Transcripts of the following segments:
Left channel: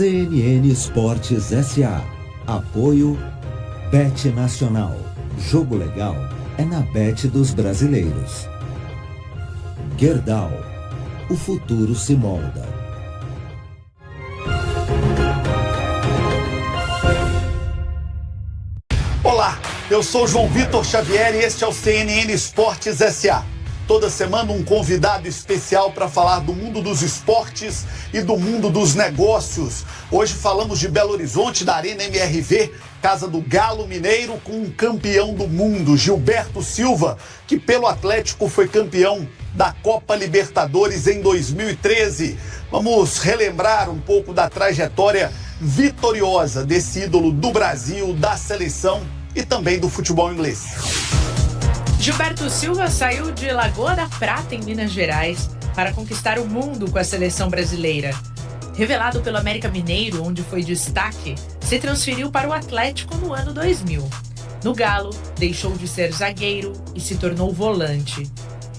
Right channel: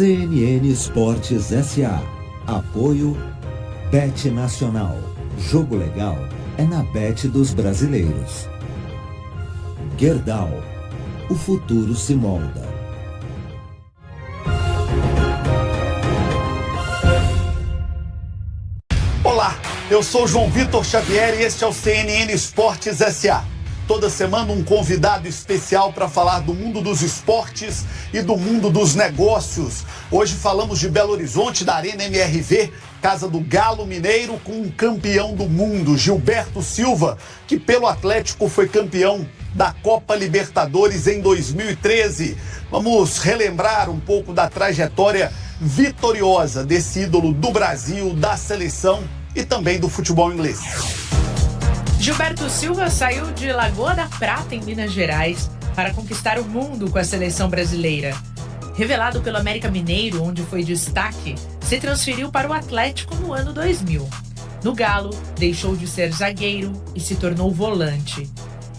CNN Esportes S.A. Apoio Bet Nacional. Jogo legal é na Bet dos brasileiros. Gerdau. O futuro se molda. Olá, eu sou João Vitor Xavier e este é o CNN Esportes S.A. Toda semana um convidado especial para falar do mundo dos esportes e do mundo dos negócios. Hoje falamos de Belo Horizonte, da Arena MRV, casa do Galo Mineiro, com um campeão do mundo, Gilberto Silva, que pelo Atlético foi campeão da Copa Libertadores em 2013. Vamos relembrar um pouco da trajetória vitoriosa desse ídolo do Brasil, da seleção e também do futebol inglês. Gilberto Silva saiu de Lagoa da Prata, em Minas Gerais, para conquistar o mundo com a seleção brasileira. Revelado pelo América Mineiro, onde foi destaque, se transferiu para o Atlético no ano 2000. No Galo, deixou de ser zagueiro e se tornou volante.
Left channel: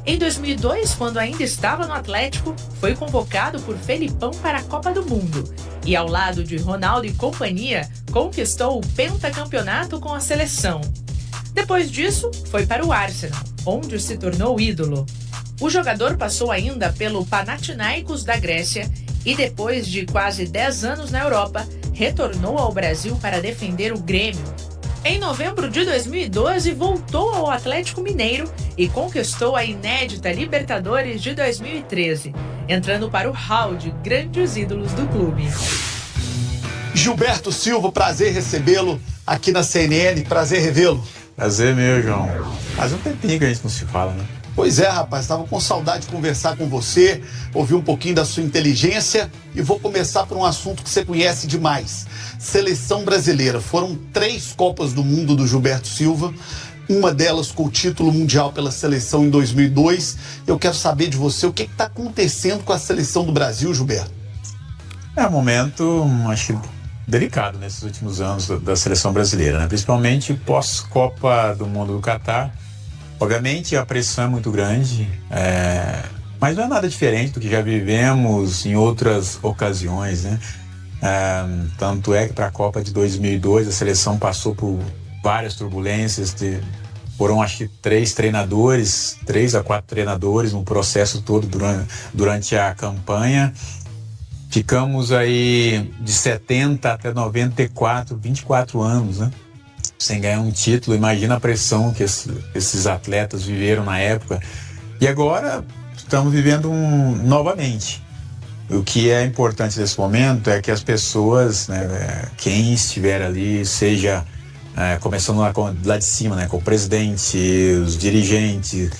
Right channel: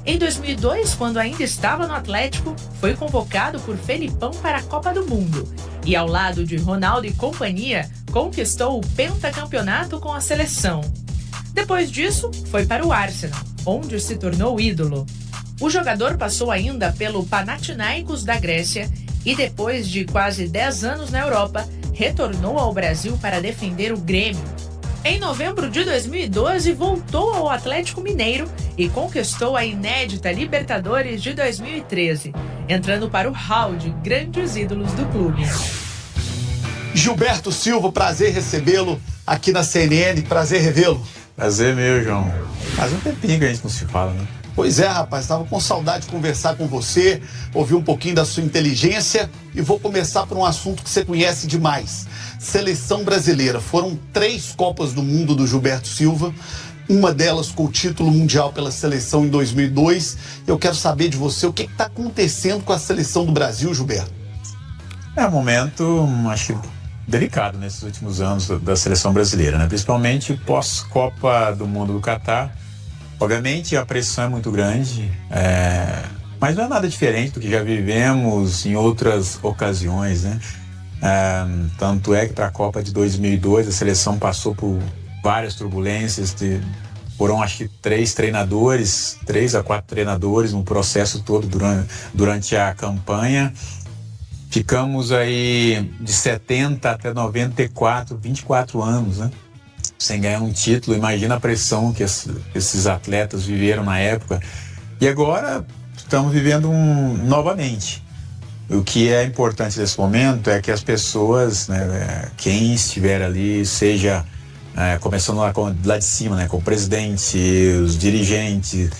Em 2002, quando ainda estava no Atlético, foi convocado por Felipão para a Copa do Mundo e, ao lado de Ronaldo e companhia, conquistou o pentacampeonato com a seleção. Depois disso, foi para o Arsenal, onde se tornou ídolo. O jogador passou ainda pelo Panathinaikos da Grécia e, depois de quase 10 anos na Europa, retornou ao Brasil para defender o Grêmio. Em novembro de 2012, voltou ao Atlético Mineiro e conquistou a inédita Libertadores de 2013, entrando para o hall de grandes ídolos do clube. Gilberto Silva, prazer recebê-lo aqui na CNN, prazer revê-lo. Prazer meu, João. Faz um tempinho que a gente não se fala, né? Pois é, rapaz, estava com saudade de conversar com você, ouvir um pouquinho da sua inteligência e vou começar por um assunto que você conhece demais. Seleção brasileira. Foram 3 Copas do Mundo do Gilberto Silva, uma delas com o título mundial pela seleção em 2002. Eu quero saber de você o que está acontecendo com a seleção do Brasil, Gilberto. É um momento, acho que delicado nesses últimos anos da seleção brasileira, né? Principalmente pós-Copa do Mundo do Catar. Obviamente a pressão é muito grande, mas não é nada diferente do que já vivemos em outras ocasiões, né? Tanto é que para a Copa de 2002 a seleção passou por várias turbulências, foram acho que 3 a 4 treinadores no processo todo durante a campanha. Ficamos aí de 70 até 94, 24 anos, né? Sem ganhar um título. Imagina a pressão que esses atletas viveram na época. E agora estamos vivendo novamente. O que é importante nesse momento é que as pessoas, né, quem estiver ali, seja começando lá de cima, né, com o presidente, os dirigentes,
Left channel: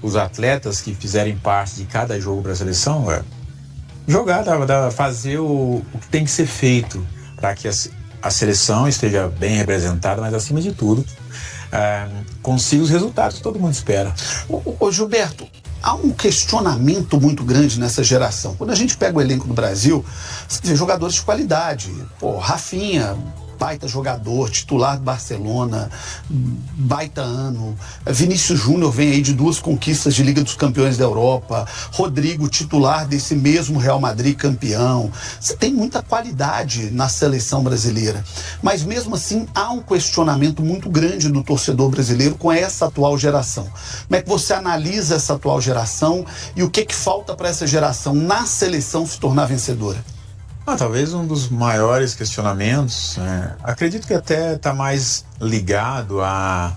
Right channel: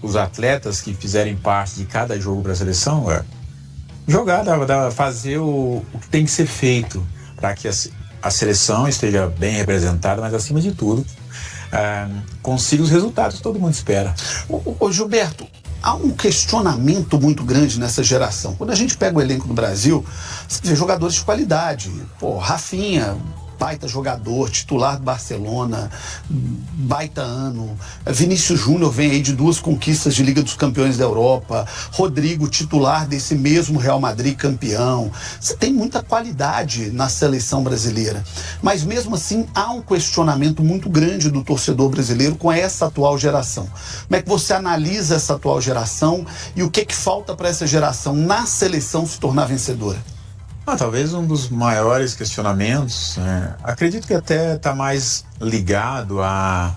os atletas que fizerem parte de cada jogo para a seleção, jogar, fazer o que tem que ser feito para que a seleção esteja bem representada, mas acima de tudo consiga os resultados que todo mundo espera. Ô Gilberto, há um questionamento muito grande nessa geração. Quando a gente pega o elenco do Brasil, você vê jogadores de qualidade. Rafinha, baita jogador, titular do Barcelona, baita ano. Vinícius Júnior vem aí de 2 conquistas de Liga dos Campeões da Europa. Rodrigo, titular desse mesmo Real Madrid, campeão. Você tem muita qualidade na seleção brasileira. Mas mesmo assim, há um questionamento muito grande do torcedor brasileiro com essa atual geração. Como é que você analisa essa atual geração e o que falta para essa geração na seleção se tornar vencedora? Talvez um dos maiores questionamentos, acredito que até está mais ligado a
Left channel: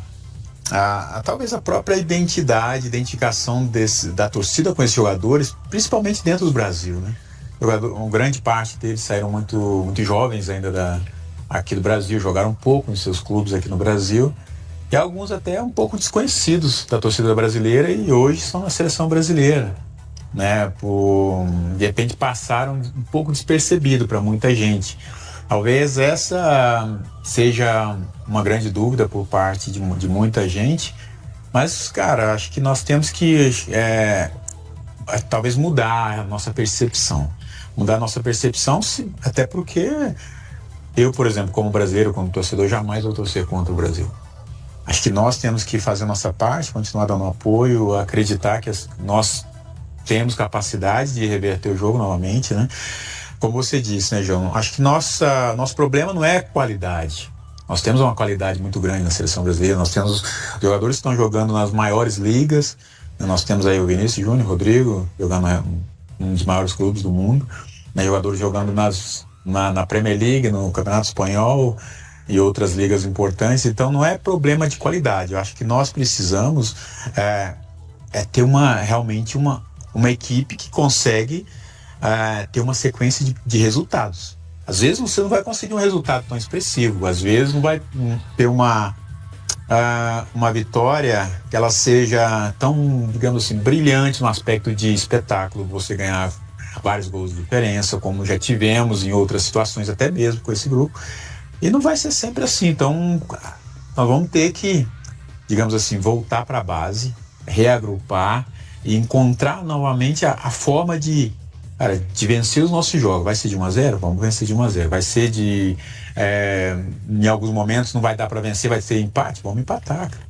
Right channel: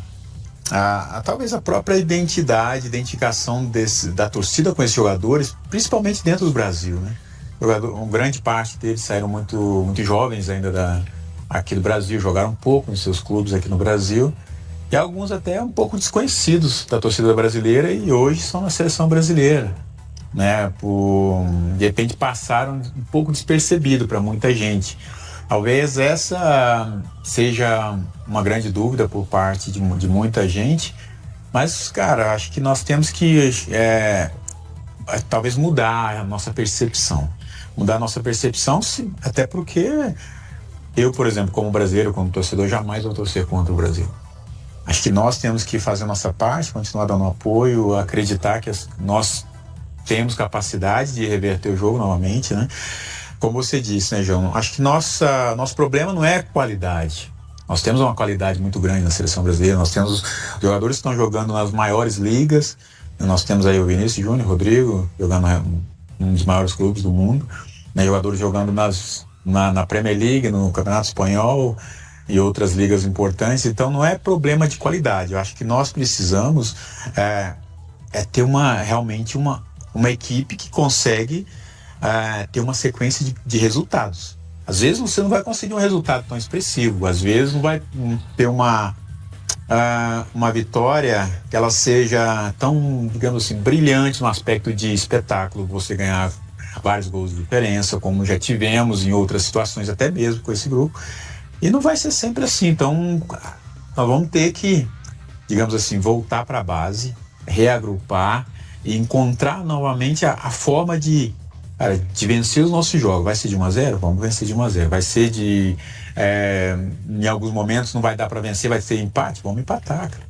talvez a própria identificação da torcida com esses jogadores, principalmente dentro do Brasil, né? Uma grande parte deles saíram muito jovens ainda aqui do Brasil, jogaram um pouco nos seus clubes aqui no Brasil, e alguns até um pouco desconhecidos da torcida brasileira e hoje são na seleção brasileira, né? De repente passaram um pouco despercebido para muita gente. Talvez essa seja uma grande dúvida por parte de muita gente, mas, cara, acho que nós temos que talvez mudar a nossa percepção. Até porque eu, por exemplo, como brasileiro, como torcedor, jamais vou torcer contra o Brasil. Acho que nós temos que fazer a nossa parte, continuar dando apoio, acreditar que nós temos capacidade de reverter o jogo novamente, né? como você disse, né, João? Acho que nosso problema não é qualidade. Nós temos uma qualidade muito grande na seleção brasileira. Nós temos jogadores que estão jogando nas maiores ligas. Nós temos aí o Vinícius Júnior, Rodrigo, jogando um dos maiores clubes do mundo. Né, jogadores jogando na Premier League, no Campeonato Espanhol e outras ligas importantes. Então não é problema de qualidade. Eu acho que nós precisamos ter realmente uma equipe que consegue ter uma sequência de resultados. Às vezes você não vai conseguir um resultado tão expressivo, às vezes não vai ter uma vitória que ela seja tão, digamos assim, brilhante no aspecto de espetáculo, você ganhar vários gols de diferença, como já tivemos em outras situações, até mesmo com esse grupo, e não vai ser sempre assim. Então nós vamos ter que, digamos assim, voltar para a base, reagrupar e encontrar novamente a forma de vencer os nossos jogos. Vai ser de 1-0? Vamos vencer de 1-0. Vai ser em alguns momentos não vai dar para vencer, vai ser empate? Vamos empatar, cara.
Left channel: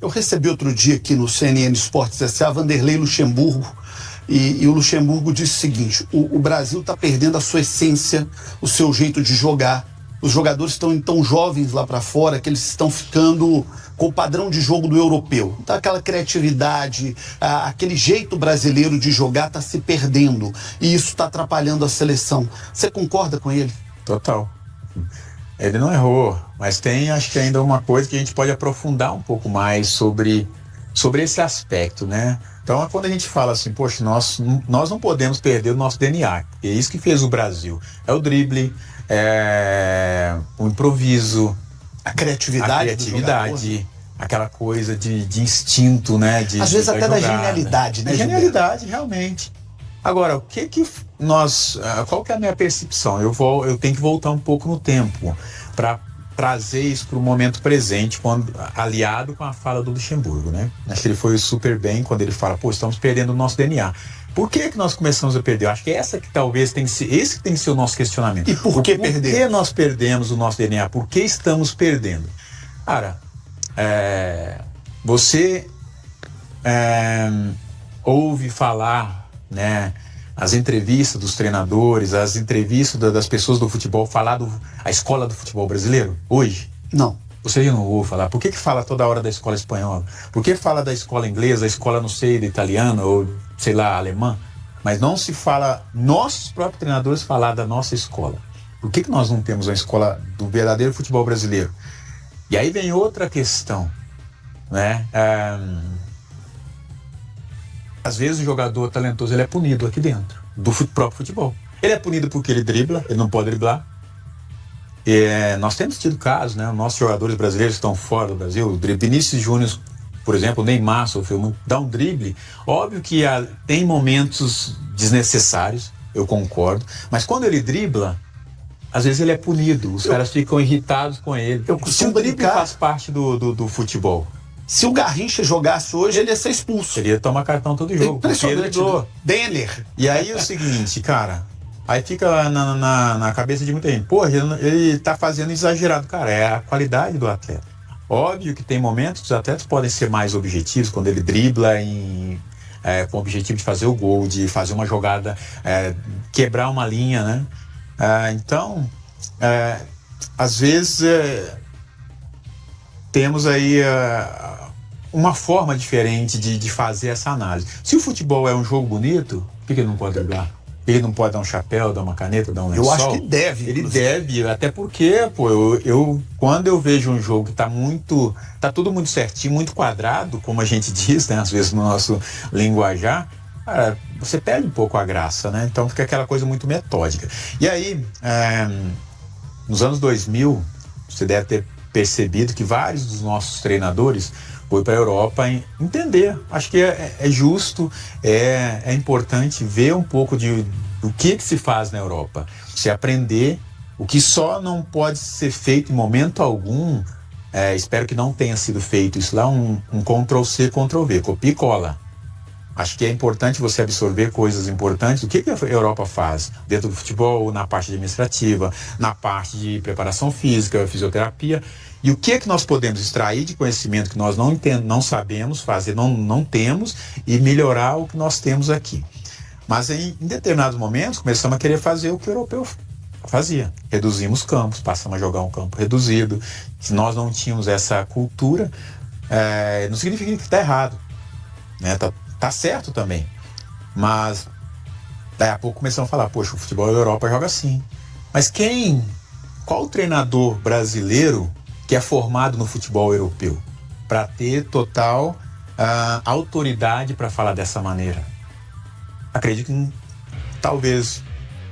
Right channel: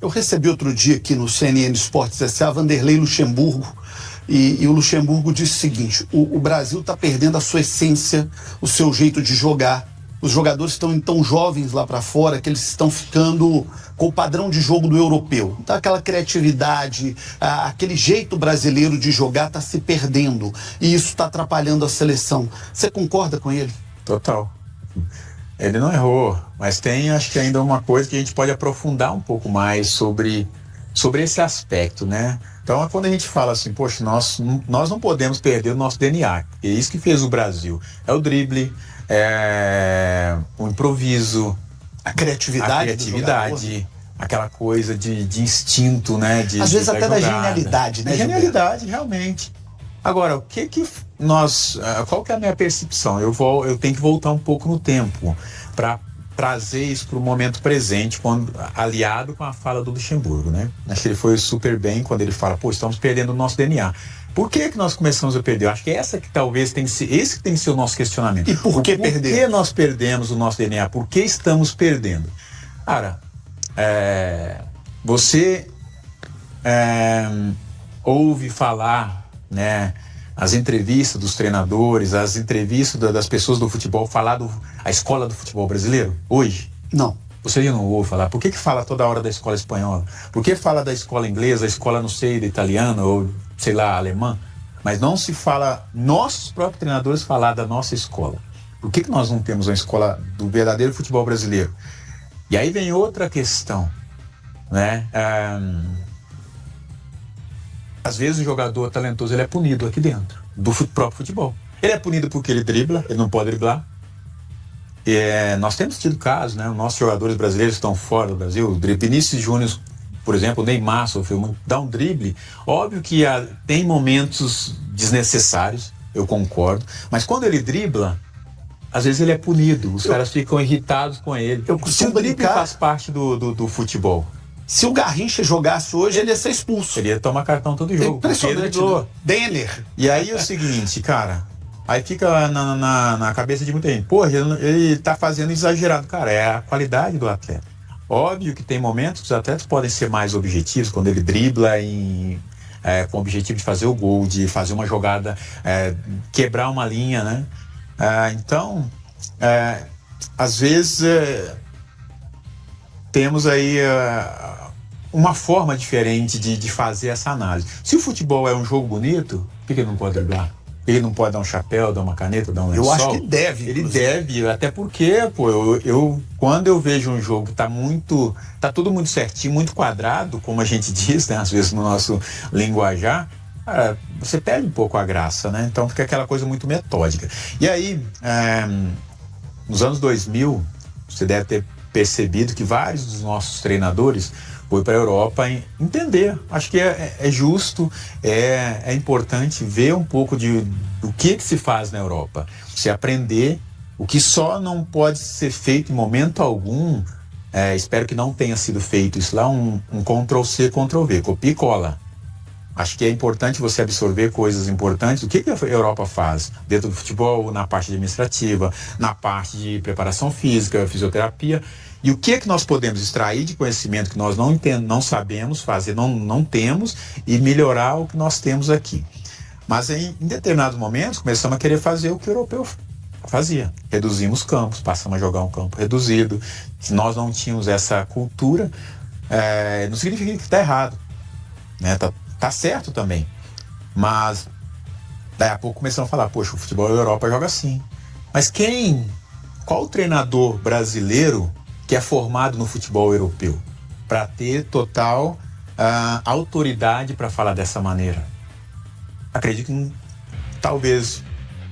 Eu recebi outro dia aqui no CNN Esportes S.A. Vanderlei Luxemburgo, e o Luxemburgo disse o seguinte: o Brasil está perdendo a sua essência, o seu jeito de jogar. Os jogadores estão tão jovens lá para fora que eles estão ficando com o padrão de jogo do europeu. Então aquela criatividade, aquele jeito brasileiro de jogar está se perdendo. E isso está atrapalhando a seleção. Você concorda com ele? Total. Ele não errou, mas tem, acho que ainda uma coisa que a gente pode aprofundar um pouco mais sobre esse aspecto, né? Então, quando a gente fala assim, poxa, nós não podemos perder o nosso DNA. É isso que fez o Brasil. É o drible, o improviso, a criatividade, aquela coisa de instinto, né? Às vezes até da genialidade, né? Genialidade, realmente. Agora, qual que é a minha percepção? Eu tenho que voltar um pouco no tempo para trazer isso para o momento presente, aliado com a fala do Luxemburgo, né? Acho que ele foi super bem quando ele fala, estamos perdendo o nosso DNA. Por que nós começamos a perder? Eu acho que esse tem que ser o nosso questionamento. E por que perdemos? Por que nós perdemos o nosso DNA? Por que estamos perdendo? Cara, você ouve falar, né, as entrevistas dos treinadores, as entrevistas das pessoas do futebol, falar a escola do futebol brasileiro hoje? Não. Você já não ouve falar? Por que fala toda hora da escola espanhola? Por que fala da escola inglesa, a escola, não sei, da italiana ou, sei lá, alemã? Mas não se fala, nossos próprios treinadores falar da nossa escola. Por que nós não temos uma escola do verdadeiro futebol brasileiro? E aí vem outra questão, né? Às vezes o jogador talentoso ele é punido aqui dentro do próprio futebol. Ele é punido porque ele dribla, ele não pode driblar. Nós temos tido casos, né? Os nossos jogadores brasileiros estão fora do Brasil. O Vinícius Júnior, por exemplo, o Neymar sofreu muito, dá um drible. Óbvio que tem momentos desnecessários, eu concordo. Mas quando ele dribla, às vezes ele é punido. Os caras ficam irritados com ele. Se o drible faz parte do futebol. Se o Garrincha jogasse hoje, ele ia ser expulso. Ele ia tomar cartão todo jogo. Impressionante, né? Denner. E aí é o seguinte, cara, aí fica na cabeça de muita gente, ele tá fazendo exagerado. Cara, é a qualidade do atleta. Óbvio que tem momentos que os atletas podem ser mais objetivos, quando ele dribla com o objetivo de fazer o gol, de fazer uma jogada, quebrar uma linha, né? Então, às vezes temos aí uma forma diferente de fazer essa análise. Se o futebol é um jogo bonito, por que ele não pode driblar? Ele não pode dar um chapéu, dar uma caneta, dar um lençol? Eu acho que deve. Ele deve, até porque, quando eu vejo um jogo que tá tudo muito certinho, muito quadrado, como a gente diz, né, às vezes no nosso linguajar, você perde um pouco a graça, né? Então fica aquela coisa muito metódica. E aí, nos anos 2000, você deve ter percebido que vários dos nossos treinadores foi para a Europa entender. Acho que é justo, é importante ver um pouco do que se faz na Europa. Você aprender o que só não pode ser feito em momento algum. Espero que não tenha sido feito isso lá, um Ctrl-C, Ctrl-V, copia e cola. Acho que é importante você absorver coisas importantes. O que a Europa faz dentro do futebol, na parte administrativa, na parte de preparação física, fisioterapia. E o que nós podemos extrair de conhecimento que nós não sabemos fazer, não temos, e melhorar o que nós temos aqui. Mas em determinados momentos começamos a querer fazer o que o europeu fazia. Reduzimos campos, passamos a jogar um campo reduzido. Se nós não tínhamos essa cultura, não significa que está errado, né? Tá certo também. Mas daí a pouco começamos a falar, poxa, o futebol da Europa joga assim. Mas qual treinador brasileiro que é formado no futebol europeu para ter total autoridade para falar dessa maneira? Acredito que talvez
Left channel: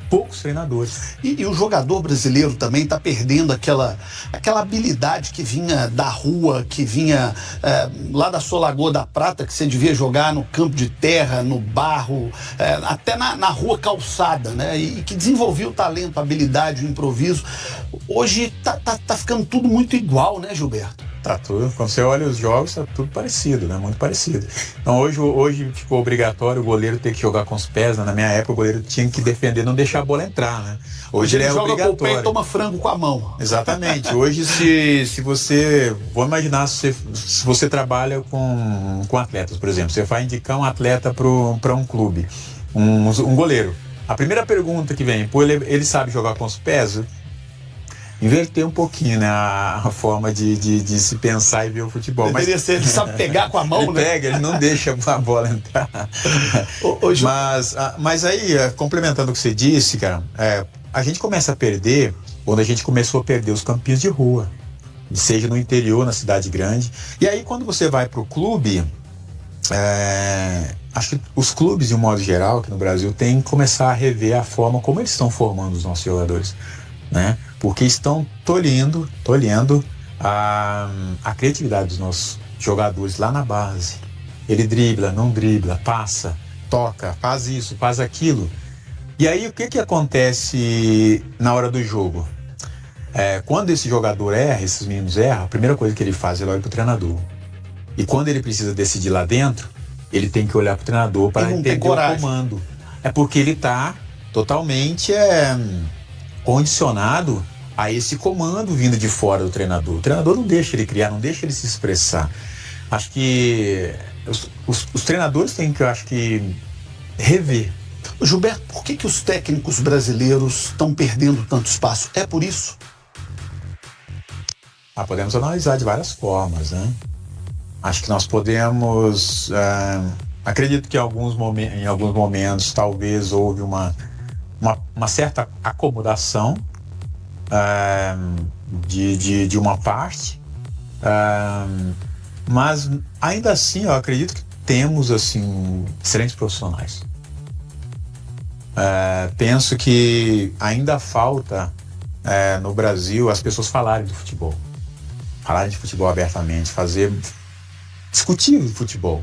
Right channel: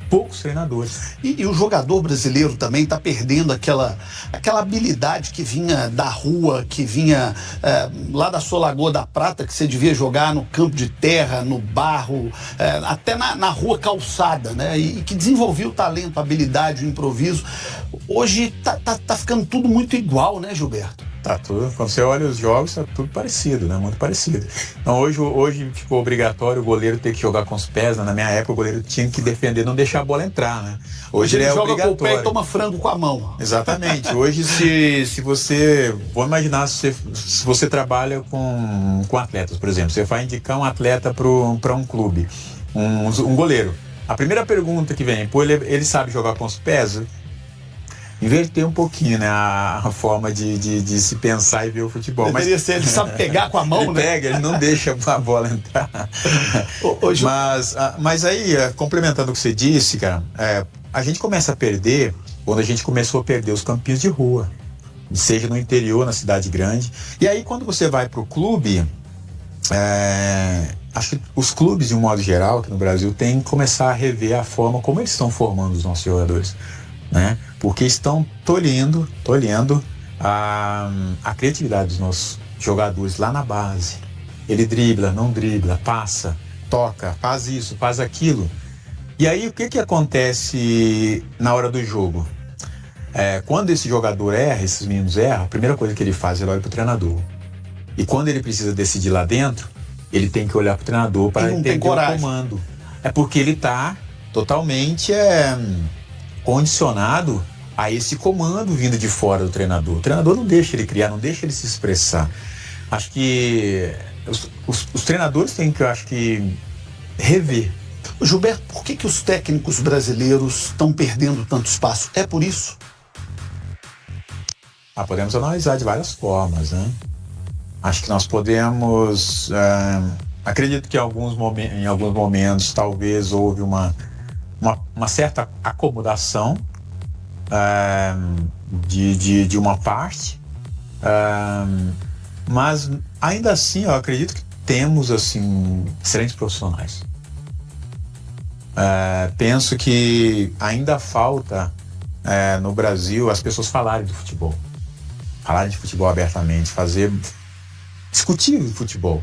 poucos treinadores. E o jogador brasileiro também está perdendo aquela habilidade que vinha da rua, que vinha lá da sua Lagoa da Prata, que você devia jogar no campo de terra, no barro, até na rua calçada, né? E que desenvolvia o talento, a habilidade, o improviso. Hoje tá ficando tudo muito igual, né, Gilberto? Tá tudo. Quando você olha os jogos, tá tudo parecido, né? Muito parecido. Então hoje ficou obrigatório o goleiro ter que jogar com os pés, né? Na minha época o goleiro tinha que defender, não deixar a bola entrar, né? Hoje ele é joga obrigatório. Com o pé e toma frango com a mão. Exatamente. Hoje se você... Vou imaginar se você trabalha com atletas, por exemplo. Você vai indicar um atleta para um clube, um goleiro. A primeira pergunta que vem, pô, ele sabe jogar com os pés? Inverter um pouquinho, né, a forma de se pensar e ver o futebol. Deveria ser, ele sabe pegar com a mão, ele né? Ele não deixa a bola entrar. Mas aí, complementando o que você disse, cara, a gente começa a perder quando a gente começou a perder os campinhos de rua, seja no interior, na cidade grande. E aí, quando você vai para o clube, acho que os clubes, de um modo geral, aqui no Brasil, têm que começar a rever a forma como eles estão formando os nossos jogadores, né? Porque estão tolhendo a criatividade dos nossos jogadores lá na base. Ele dribla, não dribla, passa, toca, faz isso, faz aquilo. E aí o que acontece na hora do jogo? Quando esse jogador erra, esses meninos erram, a primeira coisa que ele faz é olhar para o treinador. E quando ele precisa decidir lá dentro, ele tem que olhar para o treinador para entender o comando. É porque ele está totalmente condicionado a esse comando vindo de fora do treinador. O treinador não deixa ele criar, não deixa ele se expressar. Acho que os treinadores têm que, eu acho que, rever. Gilberto, por que os técnicos brasileiros estão perdendo tanto espaço? É por isso? Podemos analisar de várias formas, né? Acho que nós podemos... acredito que em alguns momentos talvez houve uma certa acomodação de uma parte, mas ainda assim eu acredito que temos assim excelentes profissionais. Penso que ainda falta no Brasil as pessoas falarem de futebol abertamente, discutir o futebol.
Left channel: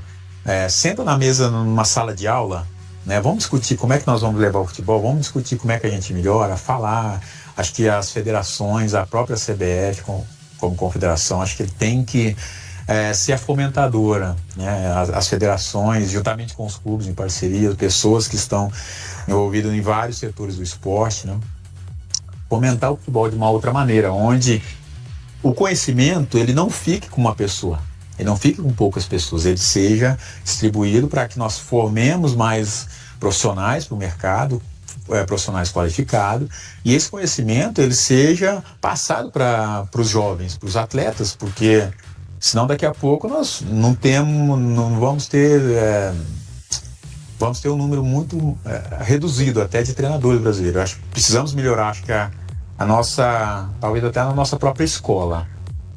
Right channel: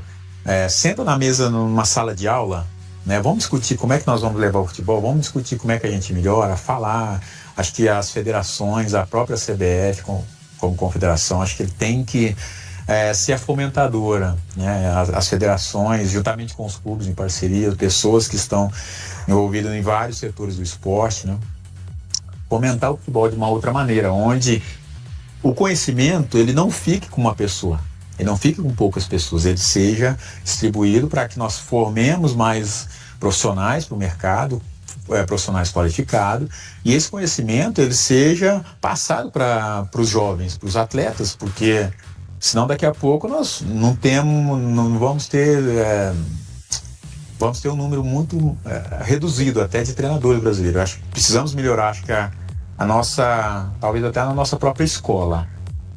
Senta na mesa numa sala de aula, né? Vamos discutir como é que nós vamos levar o futebol, vamos discutir como é que a gente melhora, falar. Acho que as federações, a própria CBF como confederação, acho que ele tem que ser a fomentadora, né? As federações, juntamente com os clubes em parceria, pessoas que estão envolvidas em vários setores do esporte, né? Fomentar o futebol de uma outra maneira, onde o conhecimento ele não fique com uma pessoa, ele não fique com poucas pessoas, ele seja distribuído para que nós formemos mais profissionais para o mercado, profissionais qualificados, e esse conhecimento ele seja passado para os jovens, para os atletas, porque senão daqui a pouco nós vamos ter um número muito reduzido até de treinadores brasileiros. Acho que precisamos melhorar, acho que talvez até na nossa própria escola,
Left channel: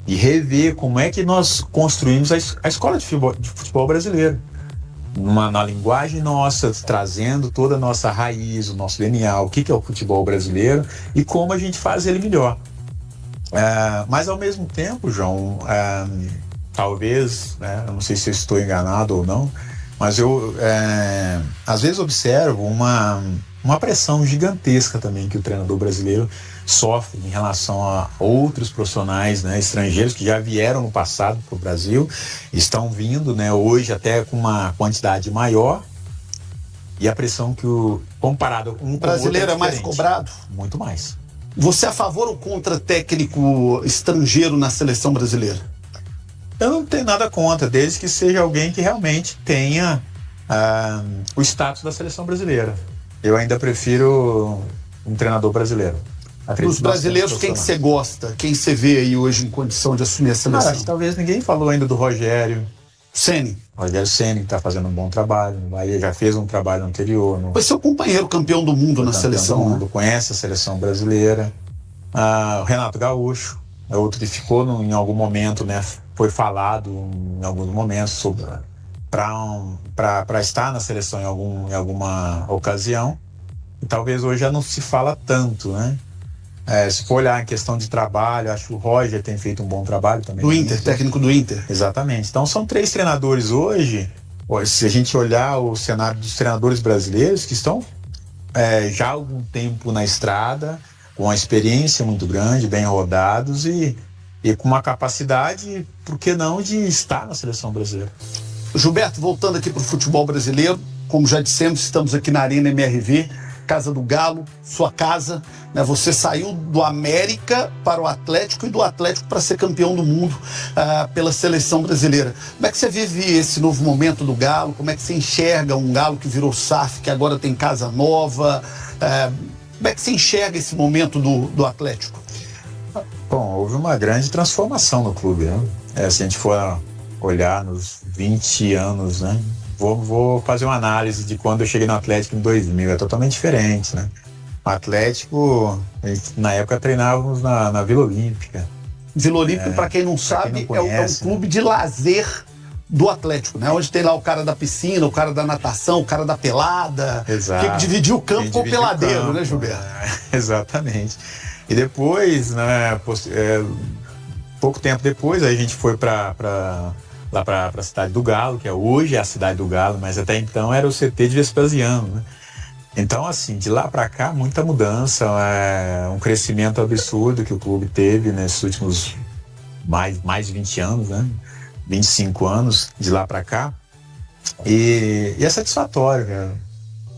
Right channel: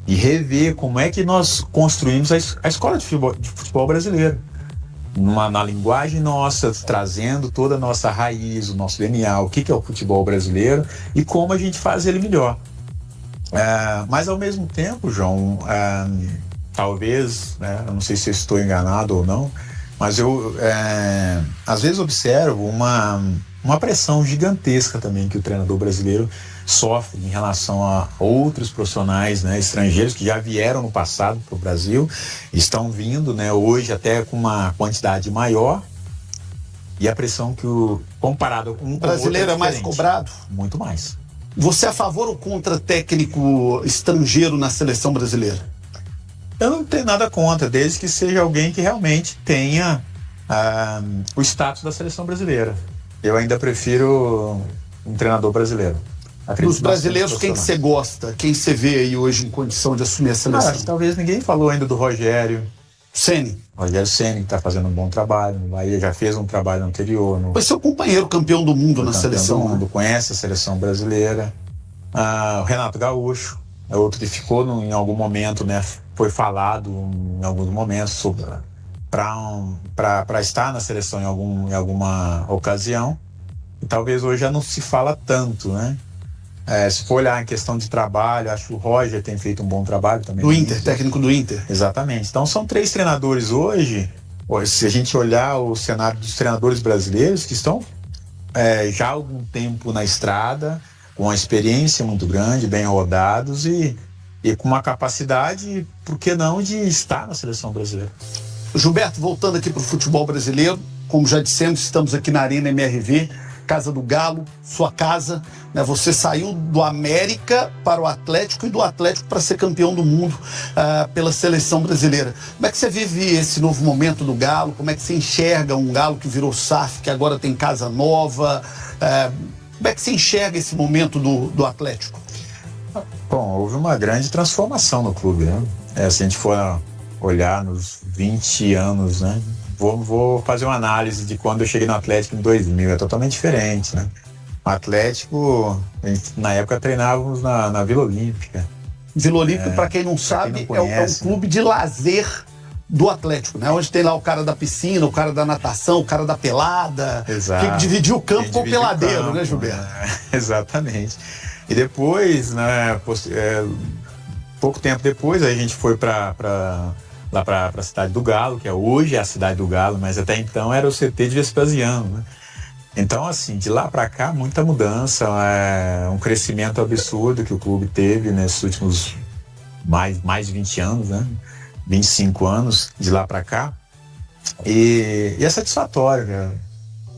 e rever como é que nós construímos a escola de futebol brasileiro. Na linguagem nossa, trazendo toda a nossa raiz, o nosso DNA, o que é o futebol brasileiro e como a gente faz ele melhor. Mas ao mesmo tempo, João, talvez, né, eu não sei se eu estou enganado ou não, mas eu às vezes observo uma pressão gigantesca também que o treinador brasileiro sofre em relação a outros profissionais, né, estrangeiros que já vieram no passado para o Brasil, estão vindo, né, hoje até com uma quantidade maior, e a pressão comparado com o brasileiro é mais cobrado? Muito mais. Você é a favor ou contra técnico estrangeiro na seleção brasileira? Eu não tenho nada contra, desde que seja alguém que realmente tenha o status da seleção brasileira. Eu ainda prefiro um treinador brasileiro. Dos brasileiros, quem que você gosta? Quem você vê aí hoje em condição de assumir a seleção? Talvez ninguém falou ainda do Rogério Ceni. Rogério Ceni, que está fazendo um bom trabalho. O Bahia já fez um trabalho anterior. Foi seu companheiro campeão do mundo na seleção. Do mundo, conhece a seleção brasileira. O Renato Gaúcho é outro que ficou em algum momento, né? Foi falado em alguns momentos para estar na seleção em alguma ocasião. E talvez hoje já não se fala tanto, né? Se for olhar em questão de trabalho, acho que o Roger tem feito um bom trabalho também. Do Inter, técnico do Inter. Exatamente. Então são 3 treinadores hoje, se a gente olhar o cenário dos treinadores brasileiros, que estão já há algum tempo na estrada, com uma experiência muito grande, bem rodados e com uma capacidade, por que não, de estar na seleção brasileira. Gilberto, voltando aqui para o futebol brasileiro, como já dissemos, estamos aqui na Arena MRV, Casa do Galo, sua casa, né? Você saiu do América para o Atlético e do Atlético para ser campeão do mundo pela seleção brasileira. Como é que você vive esse novo momento do Galo? Como é que você enxerga um Galo que virou SAF, que agora tem casa nova? Como é que você enxerga esse momento do Atlético? Bom, houve uma grande transformação no clube, né? Se a gente for olhar nos 20 anos, né? Vou fazer uma análise de quando eu cheguei no Atlético em 2000, é totalmente diferente, né? O Atlético, na época treinávamos na Vila Olímpica. Vila Olímpica, para quem não sabe, é um clube de lazer do Atlético, né? Onde tem lá o cara da piscina, o cara da natação, o cara da pelada. Exato. Quem dividiu o campo com o peladeiro, né, Gilberto? Exatamente. E depois, né, pouco tempo depois, a gente foi lá para a cidade do Galo, que hoje é a cidade do Galo, mas até então era o CT de Vespasiano, né? Então, assim, de lá para cá, muita mudança, um crescimento absurdo que o clube teve nesses últimos mais de 20 anos, né? 25 anos de lá para cá. E é satisfatório, né?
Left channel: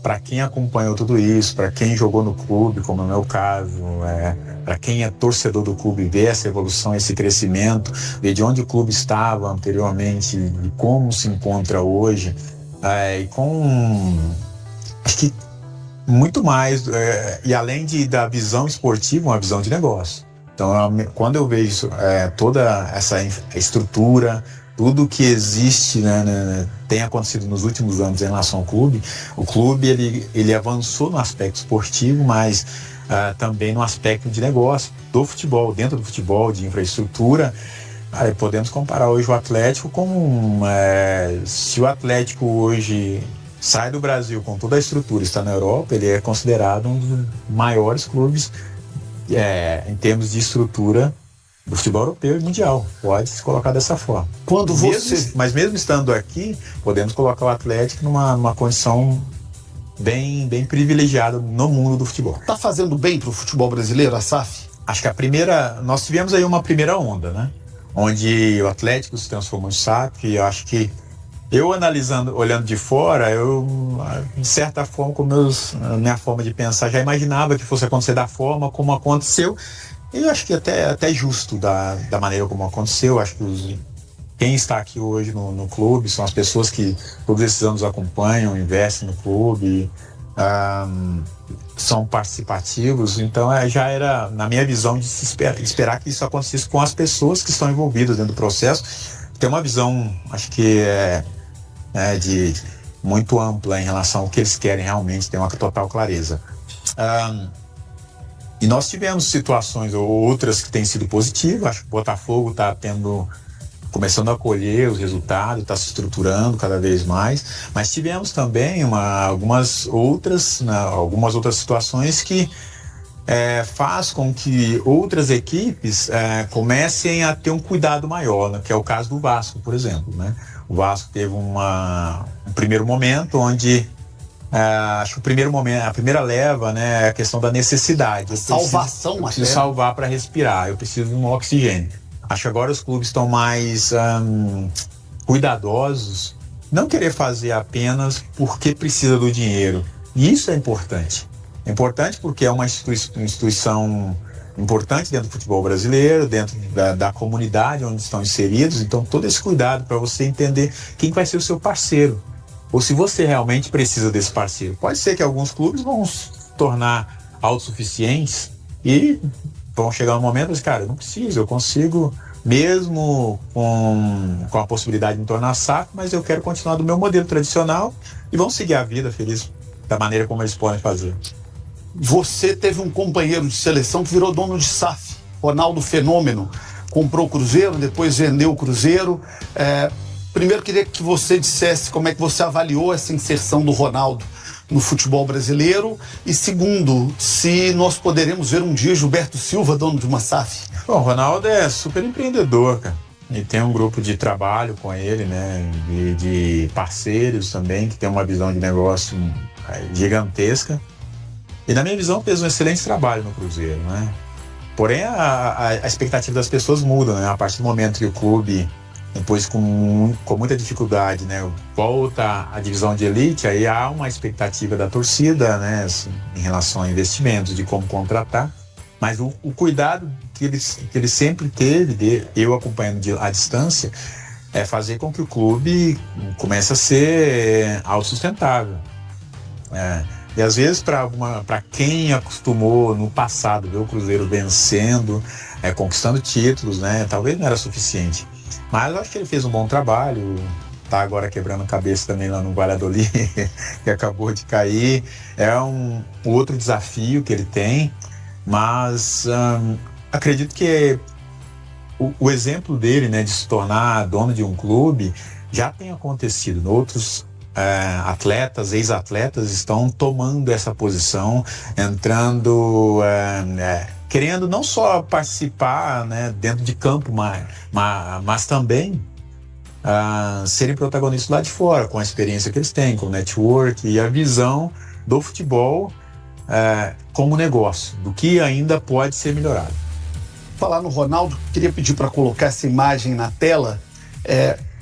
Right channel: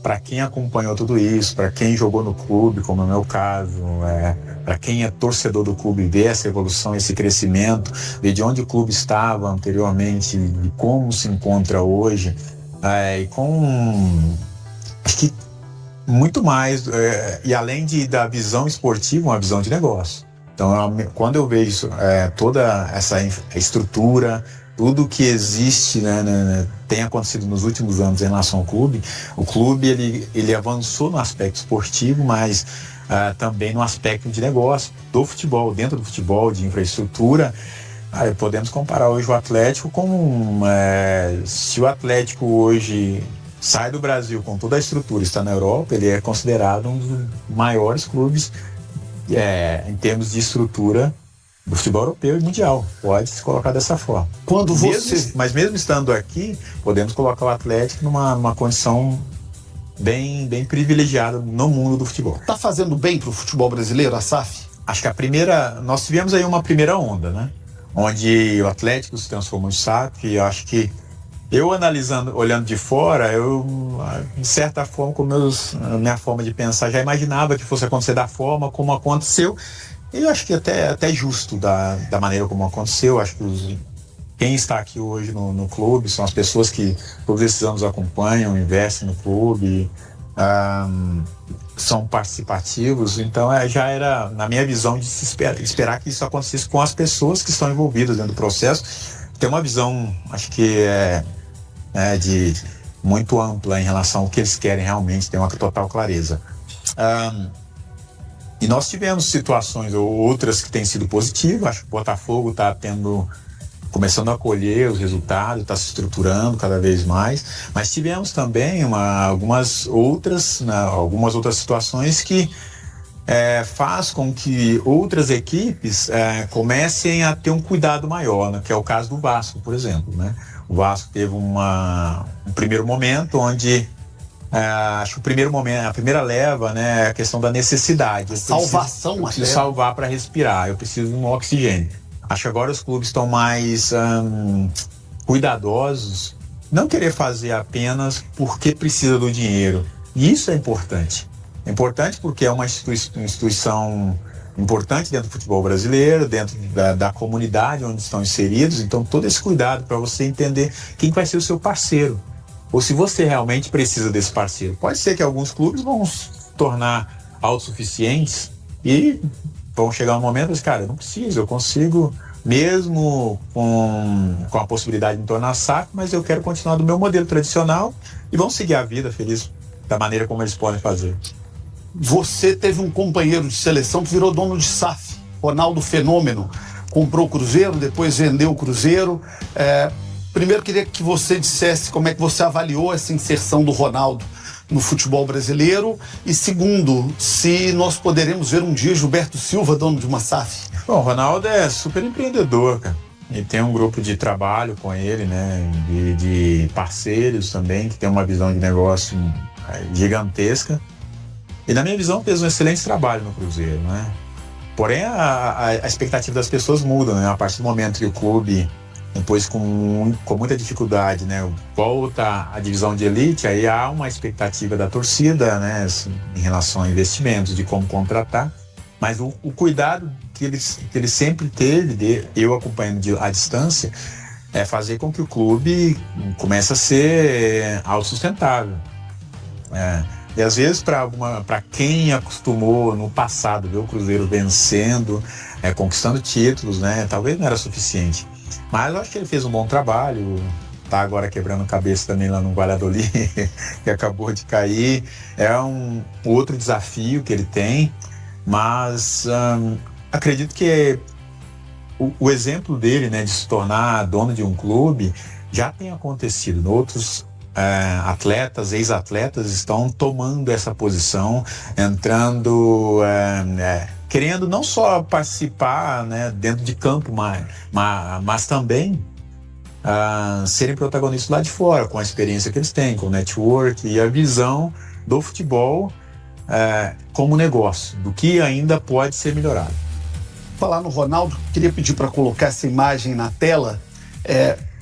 Para quem acompanhou tudo isso, para quem jogou no clube, como é o meu caso, para quem é torcedor do clube, ver essa evolução, esse crescimento, ver de onde o clube estava anteriormente e como se encontra hoje, e com, acho que muito mais, e além da visão esportiva, uma visão de negócio. Então, quando eu vejo toda essa estrutura, tudo que existe, né, tem acontecido nos últimos anos em relação ao clube, o clube ele avançou no aspecto esportivo, mas também no aspecto de negócio do futebol, dentro do futebol, de infraestrutura. Podemos comparar hoje o Atlético com se o Atlético hoje sai do Brasil com toda a estrutura, está na Europa, ele é considerado um dos maiores clubes em termos de estrutura do futebol europeu e mundial, pode se colocar dessa forma. Mas mesmo estando aqui, podemos colocar o Atlético numa condição bem privilegiada no mundo do futebol. Tá fazendo bem pro futebol brasileiro, a SAF? Acho que nós tivemos aí uma primeira onda, né? Onde o Atlético se transformou em SAF, e eu acho que olhando de fora, de certa forma, com minha forma de pensar, já imaginava que fosse acontecer da forma como aconteceu. E eu acho que até justo da maneira como aconteceu. Acho que quem está aqui hoje no clube são as pessoas que todos esses anos acompanham, investem no clube, são participativos. Então já era, na minha visão, de se esperar que isso acontecesse com as pessoas que estão envolvidas dentro do processo. Tem uma visão, acho que de muito ampla em relação ao que eles querem realmente, tem uma total clareza. E nós tivemos situações ou outras que têm sido positivas. Acho que o Botafogo está começando a colher os resultados, está se estruturando cada vez mais. Mas tivemos também algumas outras situações que faz com que outras equipes comecem a ter um cuidado maior, né? Que é o caso do Vasco, por exemplo, né? O Vasco teve um primeiro momento onde acho que a primeira leva, né, é a questão da necessidade. Salvação, eu preciso salvar para respirar, eu preciso de um oxigênio. Acho que agora os clubes estão mais cuidadosos, não querer fazer apenas porque precisa do dinheiro. E isso é importante. É importante porque é uma instituição importante dentro do futebol brasileiro, dentro da comunidade onde estão inseridos. Então, todo esse cuidado para você entender quem vai ser o seu parceiro. ou se você realmente precisa desse parceiro. Pode ser que alguns clubes vão se tornar autossuficientes e vão chegar um momento e cara, eu não preciso, eu consigo, mesmo com a possibilidade de me tornar SAF, mas eu quero continuar do meu modelo tradicional e vão seguir a vida feliz da maneira como eles podem fazer. Você teve um companheiro de seleção que virou dono de SAF, Ronaldo Fenômeno. Comprou o Cruzeiro, depois vendeu o Cruzeiro. Primeiro, queria que você dissesse como é que você avaliou essa inserção do Ronaldo no futebol brasileiro. E segundo, se nós poderemos ver um dia Gilberto Silva, dono de uma SAF. Bom, o Ronaldo é super empreendedor, cara. E tem um grupo de trabalho com ele, né? De parceiros também, que tem uma visão de negócio gigantesca. E na minha visão fez um excelente trabalho no Cruzeiro, né? Porém, a expectativa das pessoas muda, né? A partir do momento que o clube, depois com muita dificuldade, né, volta à divisão de elite, aí há uma expectativa da torcida, né, em relação a investimentos, de como contratar. Mas o cuidado que ele sempre teve, eu acompanhando à distância, é fazer com que o clube comece a ser autossustentável. E às vezes para quem acostumou no passado ver o Cruzeiro vencendo, conquistando títulos, né, talvez não era suficiente. Mas eu acho que ele fez um bom trabalho, tá agora quebrando cabeça também lá no Valladolid, que acabou de cair. É um outro desafio que ele tem, mas acredito que o exemplo dele, né, de se tornar dono de um clube já tem acontecido. Outros atletas, ex-atletas estão tomando essa posição, entrando, querendo não só participar, né, dentro de campo, mas também serem protagonistas lá de fora, com a experiência que eles têm, com o network e a visão do futebol como negócio, do que ainda pode ser melhorado. Falar no Ronaldo, queria pedir para colocar essa imagem na tela.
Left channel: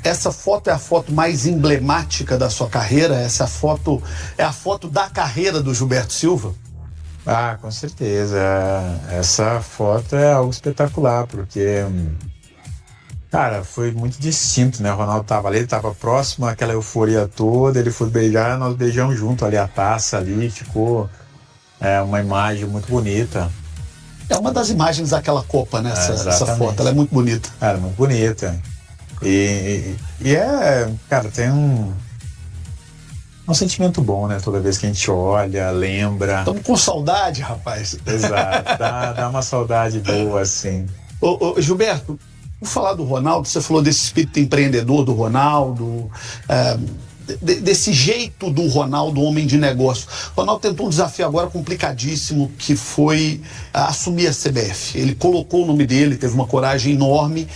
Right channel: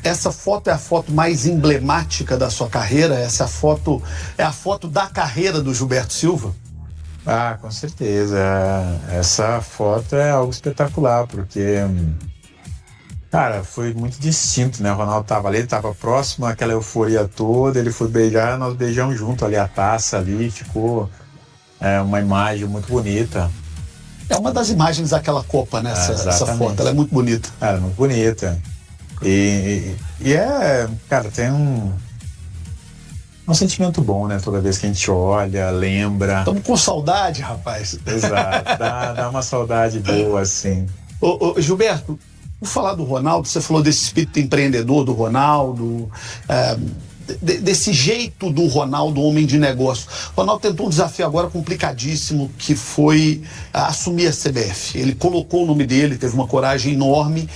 Essa foto é a foto mais emblemática da sua carreira? Essa foto é a foto da carreira do Gilberto Silva? Com certeza. Essa foto é algo espetacular, porque, cara, foi muito distinto, né? O Ronaldo estava ali, ele estava próximo, aquela euforia toda, ele foi beijar, nós beijamos junto ali a taça ali, ficou uma imagem muito bonita. É uma das imagens daquela Copa, né? Essa foto, ela é muito bonita. É muito bonita. E cara, tem um sentimento bom, né? Toda vez que a gente olha, lembra. Estamos com saudade, rapaz. Exato, dá uma saudade boa, assim. Ô, Gilberto, vou falar do Ronaldo, você falou desse espírito empreendedor do Ronaldo, desse jeito do Ronaldo, homem de negócio. O Ronaldo tentou um desafio agora complicadíssimo, que foi assumir a CBF. Ele colocou o nome dele, teve uma coragem enorme,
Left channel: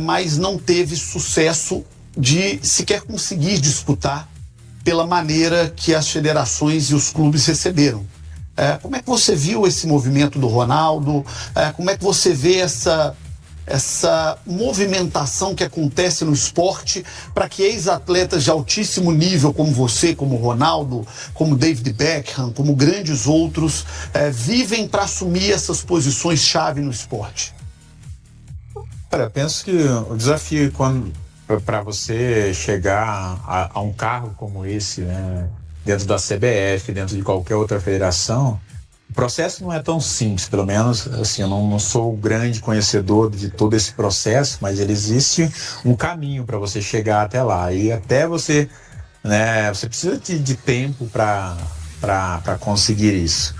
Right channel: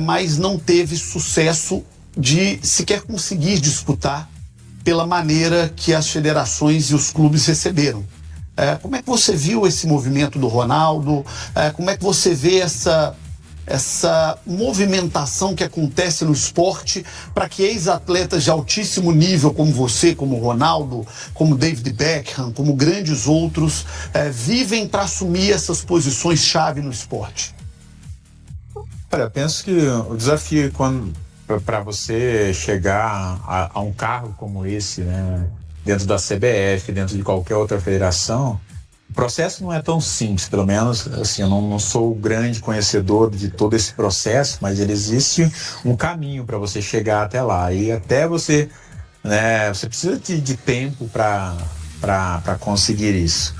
mas não teve sucesso de sequer conseguir disputar pela maneira que as federações e os clubes receberam. Como é que você viu esse movimento do Ronaldo? Como é que você vê essa movimentação que acontece no esporte para que ex-atletas de altíssimo nível como você, como Ronaldo, como David Beckham, como grandes outros, vivem para assumir essas posições-chave no esporte? Olha, eu penso que o desafio para você chegar a um cargo como esse, né, dentro da CBF, dentro de qualquer outra federação, o processo não é tão simples, pelo menos assim, eu não sou o grande conhecedor de todo esse processo, mas ele existe um caminho para você chegar até lá. E até você, né, você precisa de tempo para conseguir isso.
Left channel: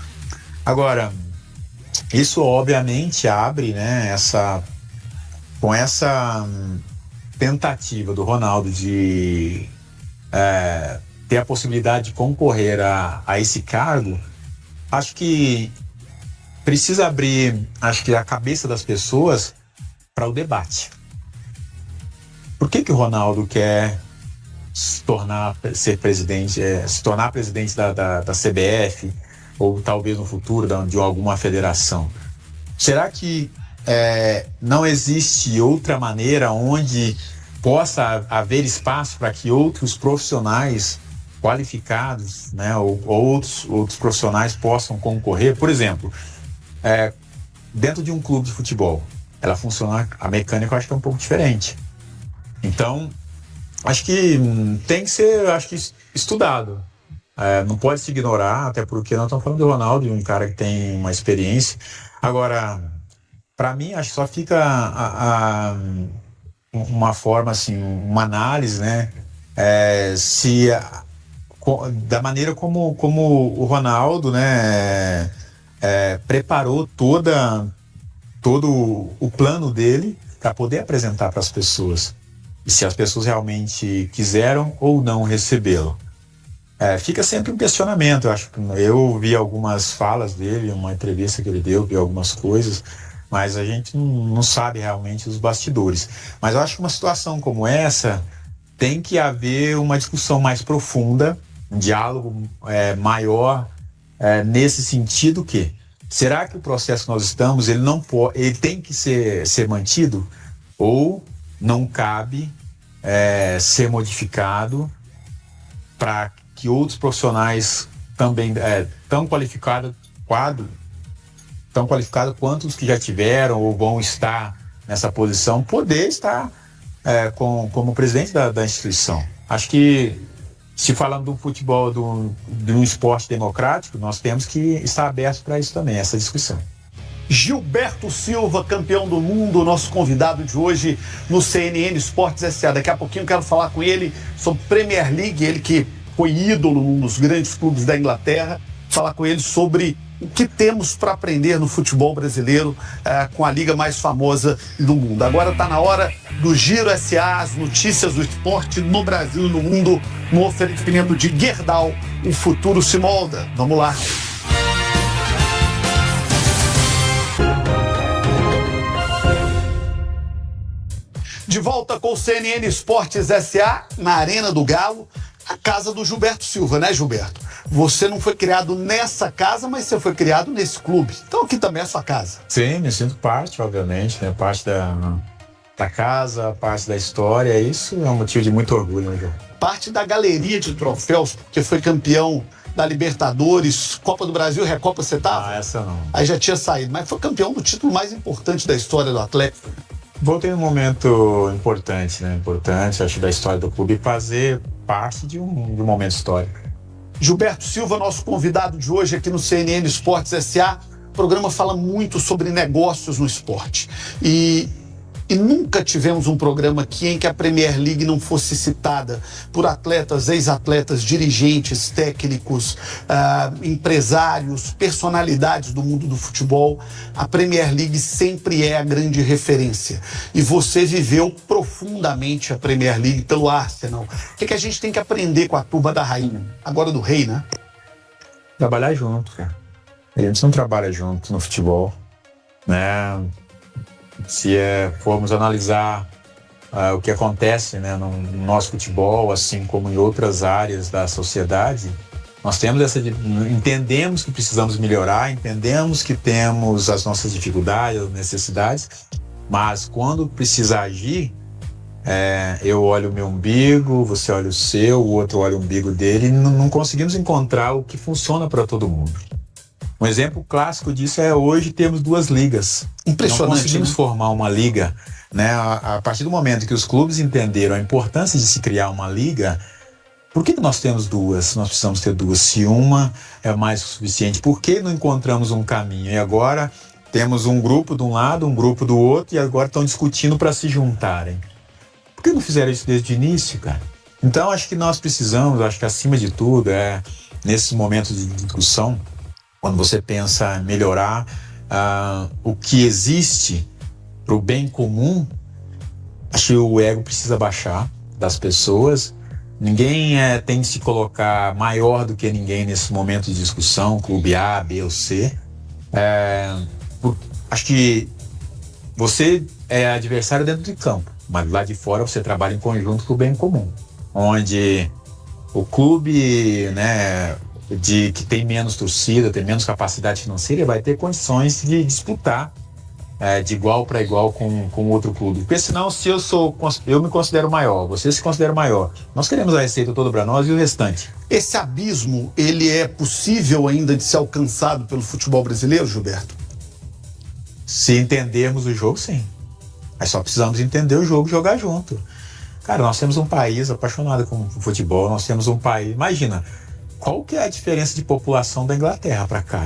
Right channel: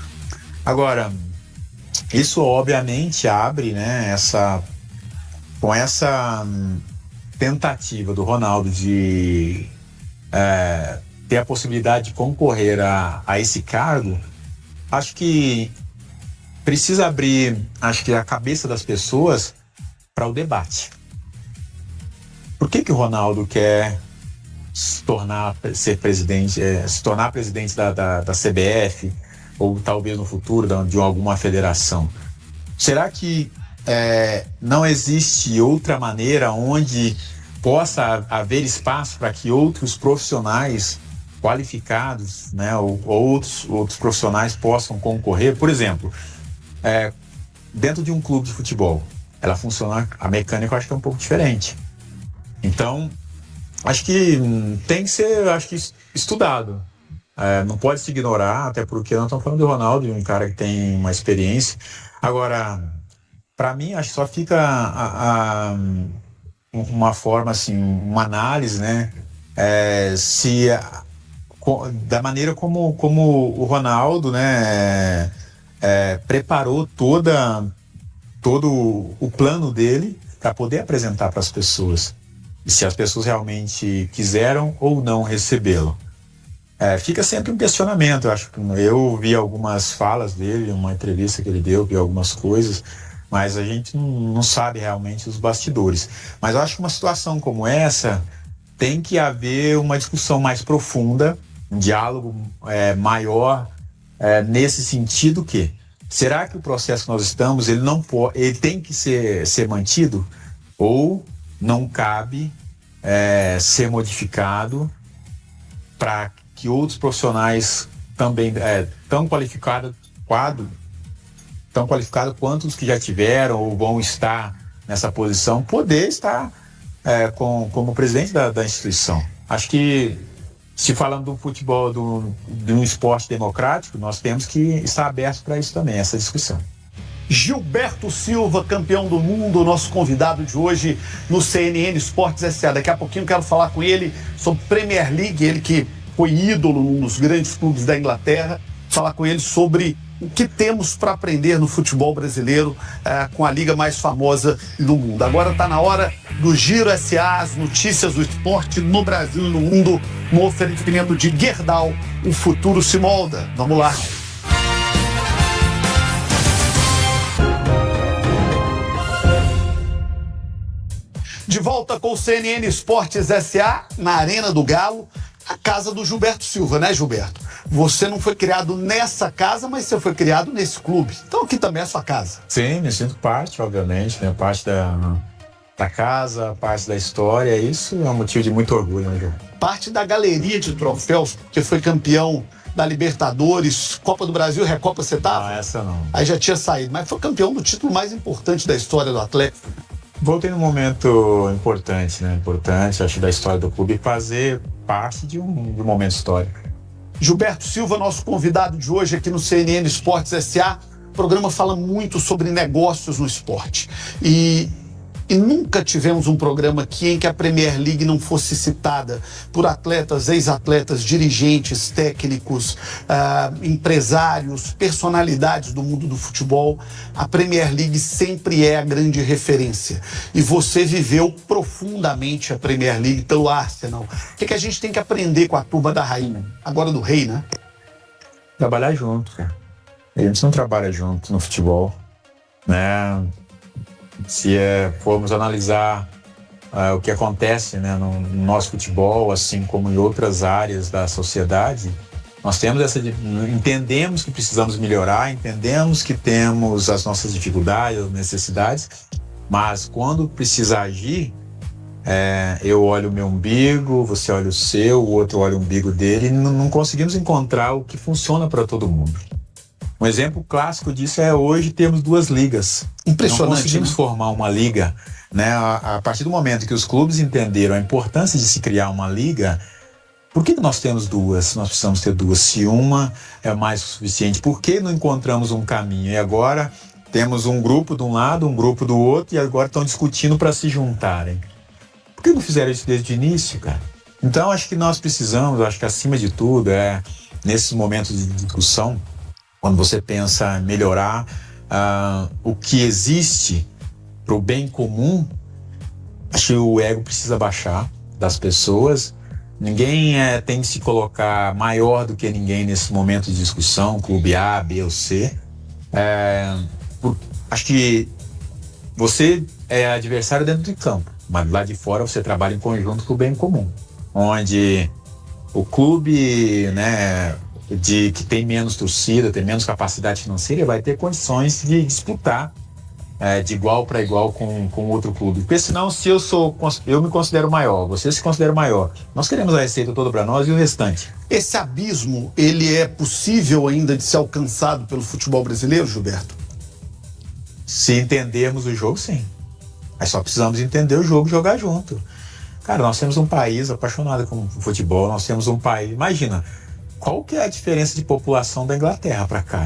Agora, isso obviamente abre, né, com essa tentativa do Ronaldo de ter a possibilidade de concorrer a esse cargo. Acho que precisa abrir, a cabeça das pessoas para o debate. Por que o Ronaldo quer se tornar presidente da CBF, ou talvez no futuro de alguma federação? Será que não existe outra maneira onde possa haver espaço para que outros profissionais qualificados, né, ou outros profissionais possam concorrer? Por exemplo, dentro de um clube de futebol, ela funciona, a mecânica eu acho que é um pouco diferente. Então, acho que tem que ser, estudado. Não pode se ignorar, até porque nós estamos falando do Ronaldo, um cara que tem uma experiência. Agora, para mim, acho que só fica uma forma, assim, uma análise, né? Da maneira como o Ronaldo, né, preparou todo o plano dele para poder apresentar para as pessoas. E se as pessoas realmente quiseram ou não recebê-lo. Fica sempre um questionamento. Eu vi algumas falas dele, uma entrevista que ele deu, vi algumas coisas, mas a gente não sabe realmente os bastidores. Mas eu acho que uma situação como essa tem que haver uma discussão mais profunda, um diálogo maior, nesse sentido que será que o processo que nós estamos, ele tem que ser mantido ou não cabe ser modificado para que outros profissionais também tão qualificados quanto os que já tiveram ou vão estar nessa posição, poder estar como presidente da instituição. Acho que, se falando do futebol, de um esporte democrático, nós temos que estar abertos para isso também, essa discussão. Gilberto Silva, campeão do mundo, nosso convidado de hoje no CNN Esportes S.A. Daqui a pouquinho eu quero falar com ele sobre Premier League, ele que foi ídolo num dos grandes clubes da Inglaterra, falar com ele sobre o que temos para aprender no futebol brasileiro com a liga mais famosa do mundo. Agora está na hora do Giro S.A., as notícias do esporte no Brasil e no mundo, no oferecimento de Gerdau, o futuro se molda. Vamos lá. De volta com o CNN Esportes S.A. na Arena do Galo, a casa do Gilberto Silva, né, Gilberto? Você não foi criado nessa casa, mas você foi criado nesse clube. Então aqui também é a sua casa. Sim, me sinto parte, obviamente, né? Parte da casa, parte da história. Isso é um motivo de muito orgulho, né, João? Parte da galeria de troféus, porque foi campeão da Libertadores, Copa do Brasil, Recopa, você tava? Essa não. Aí já tinha saído, mas foi campeão do título mais importante da história do Atlético. Voltei num momento importante, né? Importante, acho, da história do clube, fazer parte de um momento histórico. Gilberto Silva, nosso convidado de hoje aqui no CNN Esportes S.A. O programa fala muito sobre negócios no esporte. E nunca tivemos um programa aqui em que a Premier League não fosse citada por atletas, ex-atletas, dirigentes, técnicos, empresários, personalidades do mundo do futebol. A Premier League sempre é a grande referência. E você viveu profundamente a Premier League pelo Arsenal. O que a gente tem que aprender com a turma da rainha? Agora do rei, né? Trabalhar junto, cara. A gente não trabalha junto no futebol, né? Se formos analisar o que acontece, né, no nosso futebol, assim como em outras áreas da sociedade, nós temos entendemos que precisamos melhorar, entendemos que temos as nossas dificuldades, as necessidades, mas quando precisa agir, eu olho o meu umbigo, você olha o seu, o outro olha o umbigo dele, e não conseguimos encontrar o que funciona para todo mundo. Um exemplo clássico disso hoje temos 2 ligas. Impressionante. Não conseguimos formar uma liga, né? A partir do momento que os clubes entenderam a importância de se criar uma liga, por que nós temos 2? Nós precisamos ter 2. Se uma é mais que o suficiente, por que não encontramos um caminho? E agora temos um grupo de um lado, um grupo do outro, e agora estão discutindo para se juntarem. Por que não fizeram isso desde o início, cara? Então acho que nós precisamos, acho que acima de tudo, nesses momentos de discussão, quando você pensa em melhorar o que existe para o bem comum, acho que o ego precisa baixar das pessoas. Ninguém tem que se colocar maior do que ninguém nesse momento de discussão, clube A, B ou C. Acho que você é adversário dentro de campo, mas lá de fora você trabalha em conjunto com o bem comum, onde o clube, né, que tem menos torcida, tem menos capacidade financeira, vai ter condições de disputar de igual para igual com outro clube. Porque senão, se eu me considero maior, você se considera maior, nós queremos a receita toda para nós e o restante. Esse abismo, ele é possível ainda de ser alcançado pelo futebol brasileiro, Gilberto? Se entendermos o jogo, sim. Mas só precisamos entender o jogo e jogar junto. Cara, nós temos um país apaixonado com futebol, nós temos um país... Imagina, qual que é a diferença de população da Inglaterra para cá?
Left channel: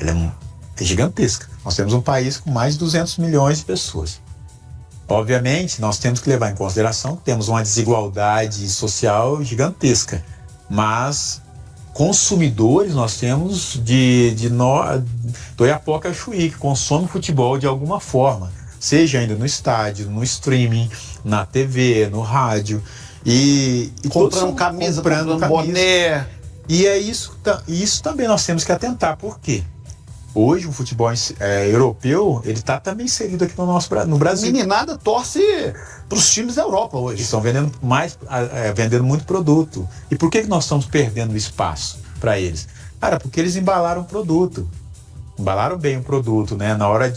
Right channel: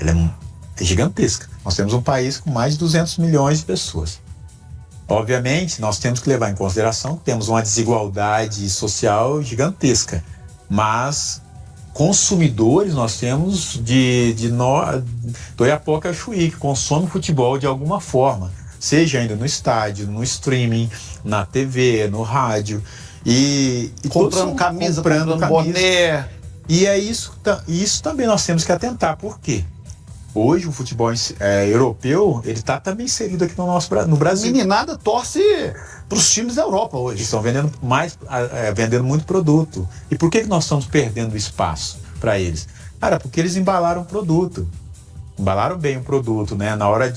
Ela é gigantesca. Nós temos um país com mais de 200 milhões de pessoas. Obviamente, nós temos que levar em consideração que temos uma desigualdade social gigantesca, mas consumidores nós temos do Iapoca ao Chuí, que consome futebol de alguma forma, seja ainda no estádio, no streaming, na TV, no rádio, e comprando camisa, comprando boné. E é isso também nós temos que atentar. Por quê? Hoje o futebol europeu, ele está também inserido aqui no Brasil. Meninada torce para os times da Europa hoje. Eles estão vendendo muito produto. E por que nós estamos perdendo espaço para eles? Cara, porque eles embalaram o produto. Embalaram bem o produto, né? Na hora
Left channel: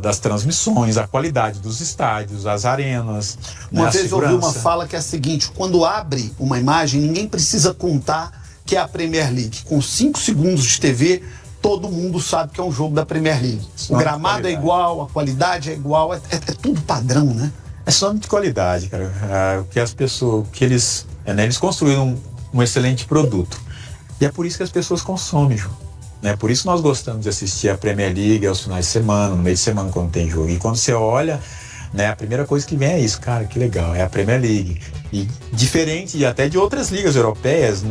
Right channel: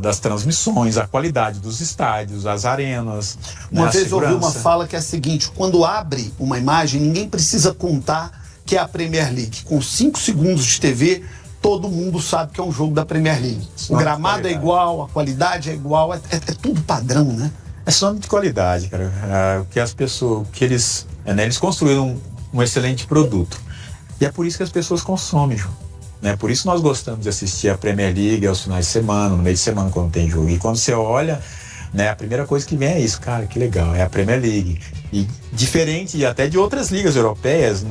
das transmissões, a qualidade dos estádios, as arenas. Uma vez eu ouvi uma fala que é a seguinte: quando abre uma imagem, ninguém precisa contar que é a Premier League. Com 5 segundos de TV, todo mundo sabe que é um jogo da Premier League. O gramado é igual, a qualidade é igual, é tudo padrão, né? É só de qualidade, cara. Que as pessoas, eles construíram um excelente produto. E é por isso que as pessoas consomem, João. Né? Por isso nós gostamos de assistir a Premier League aos finais de semana, no meio de semana, quando tem jogo. E quando você olha, né, a primeira coisa que vem é isso, cara, que legal, é a Premier League. E diferente até de outras ligas europeias,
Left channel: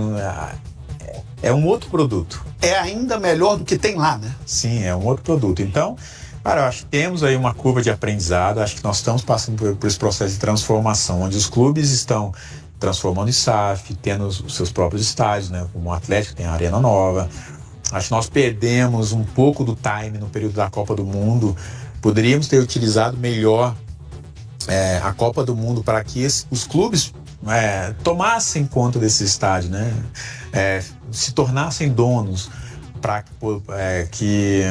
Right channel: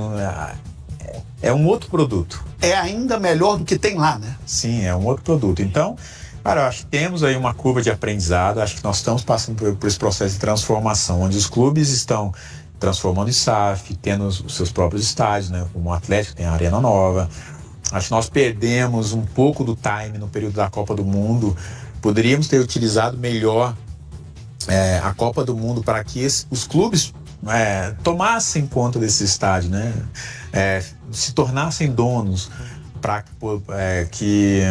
é um outro produto. É ainda melhor do que tem lá, né? Sim, é um outro produto. Então, cara, eu acho que temos aí uma curva de aprendizado, acho que nós estamos passando por esse processo de transformação, onde os clubes estão transformando em SAF, tendo os seus próprios estádios, né? Como o Atlético tem a Arena Nova. Acho que nós perdemos um pouco do time no período da Copa do Mundo. Poderíamos ter utilizado melhor a Copa do Mundo para que os clubes tomassem conta desse estádio, né? Se tornassem donos, para que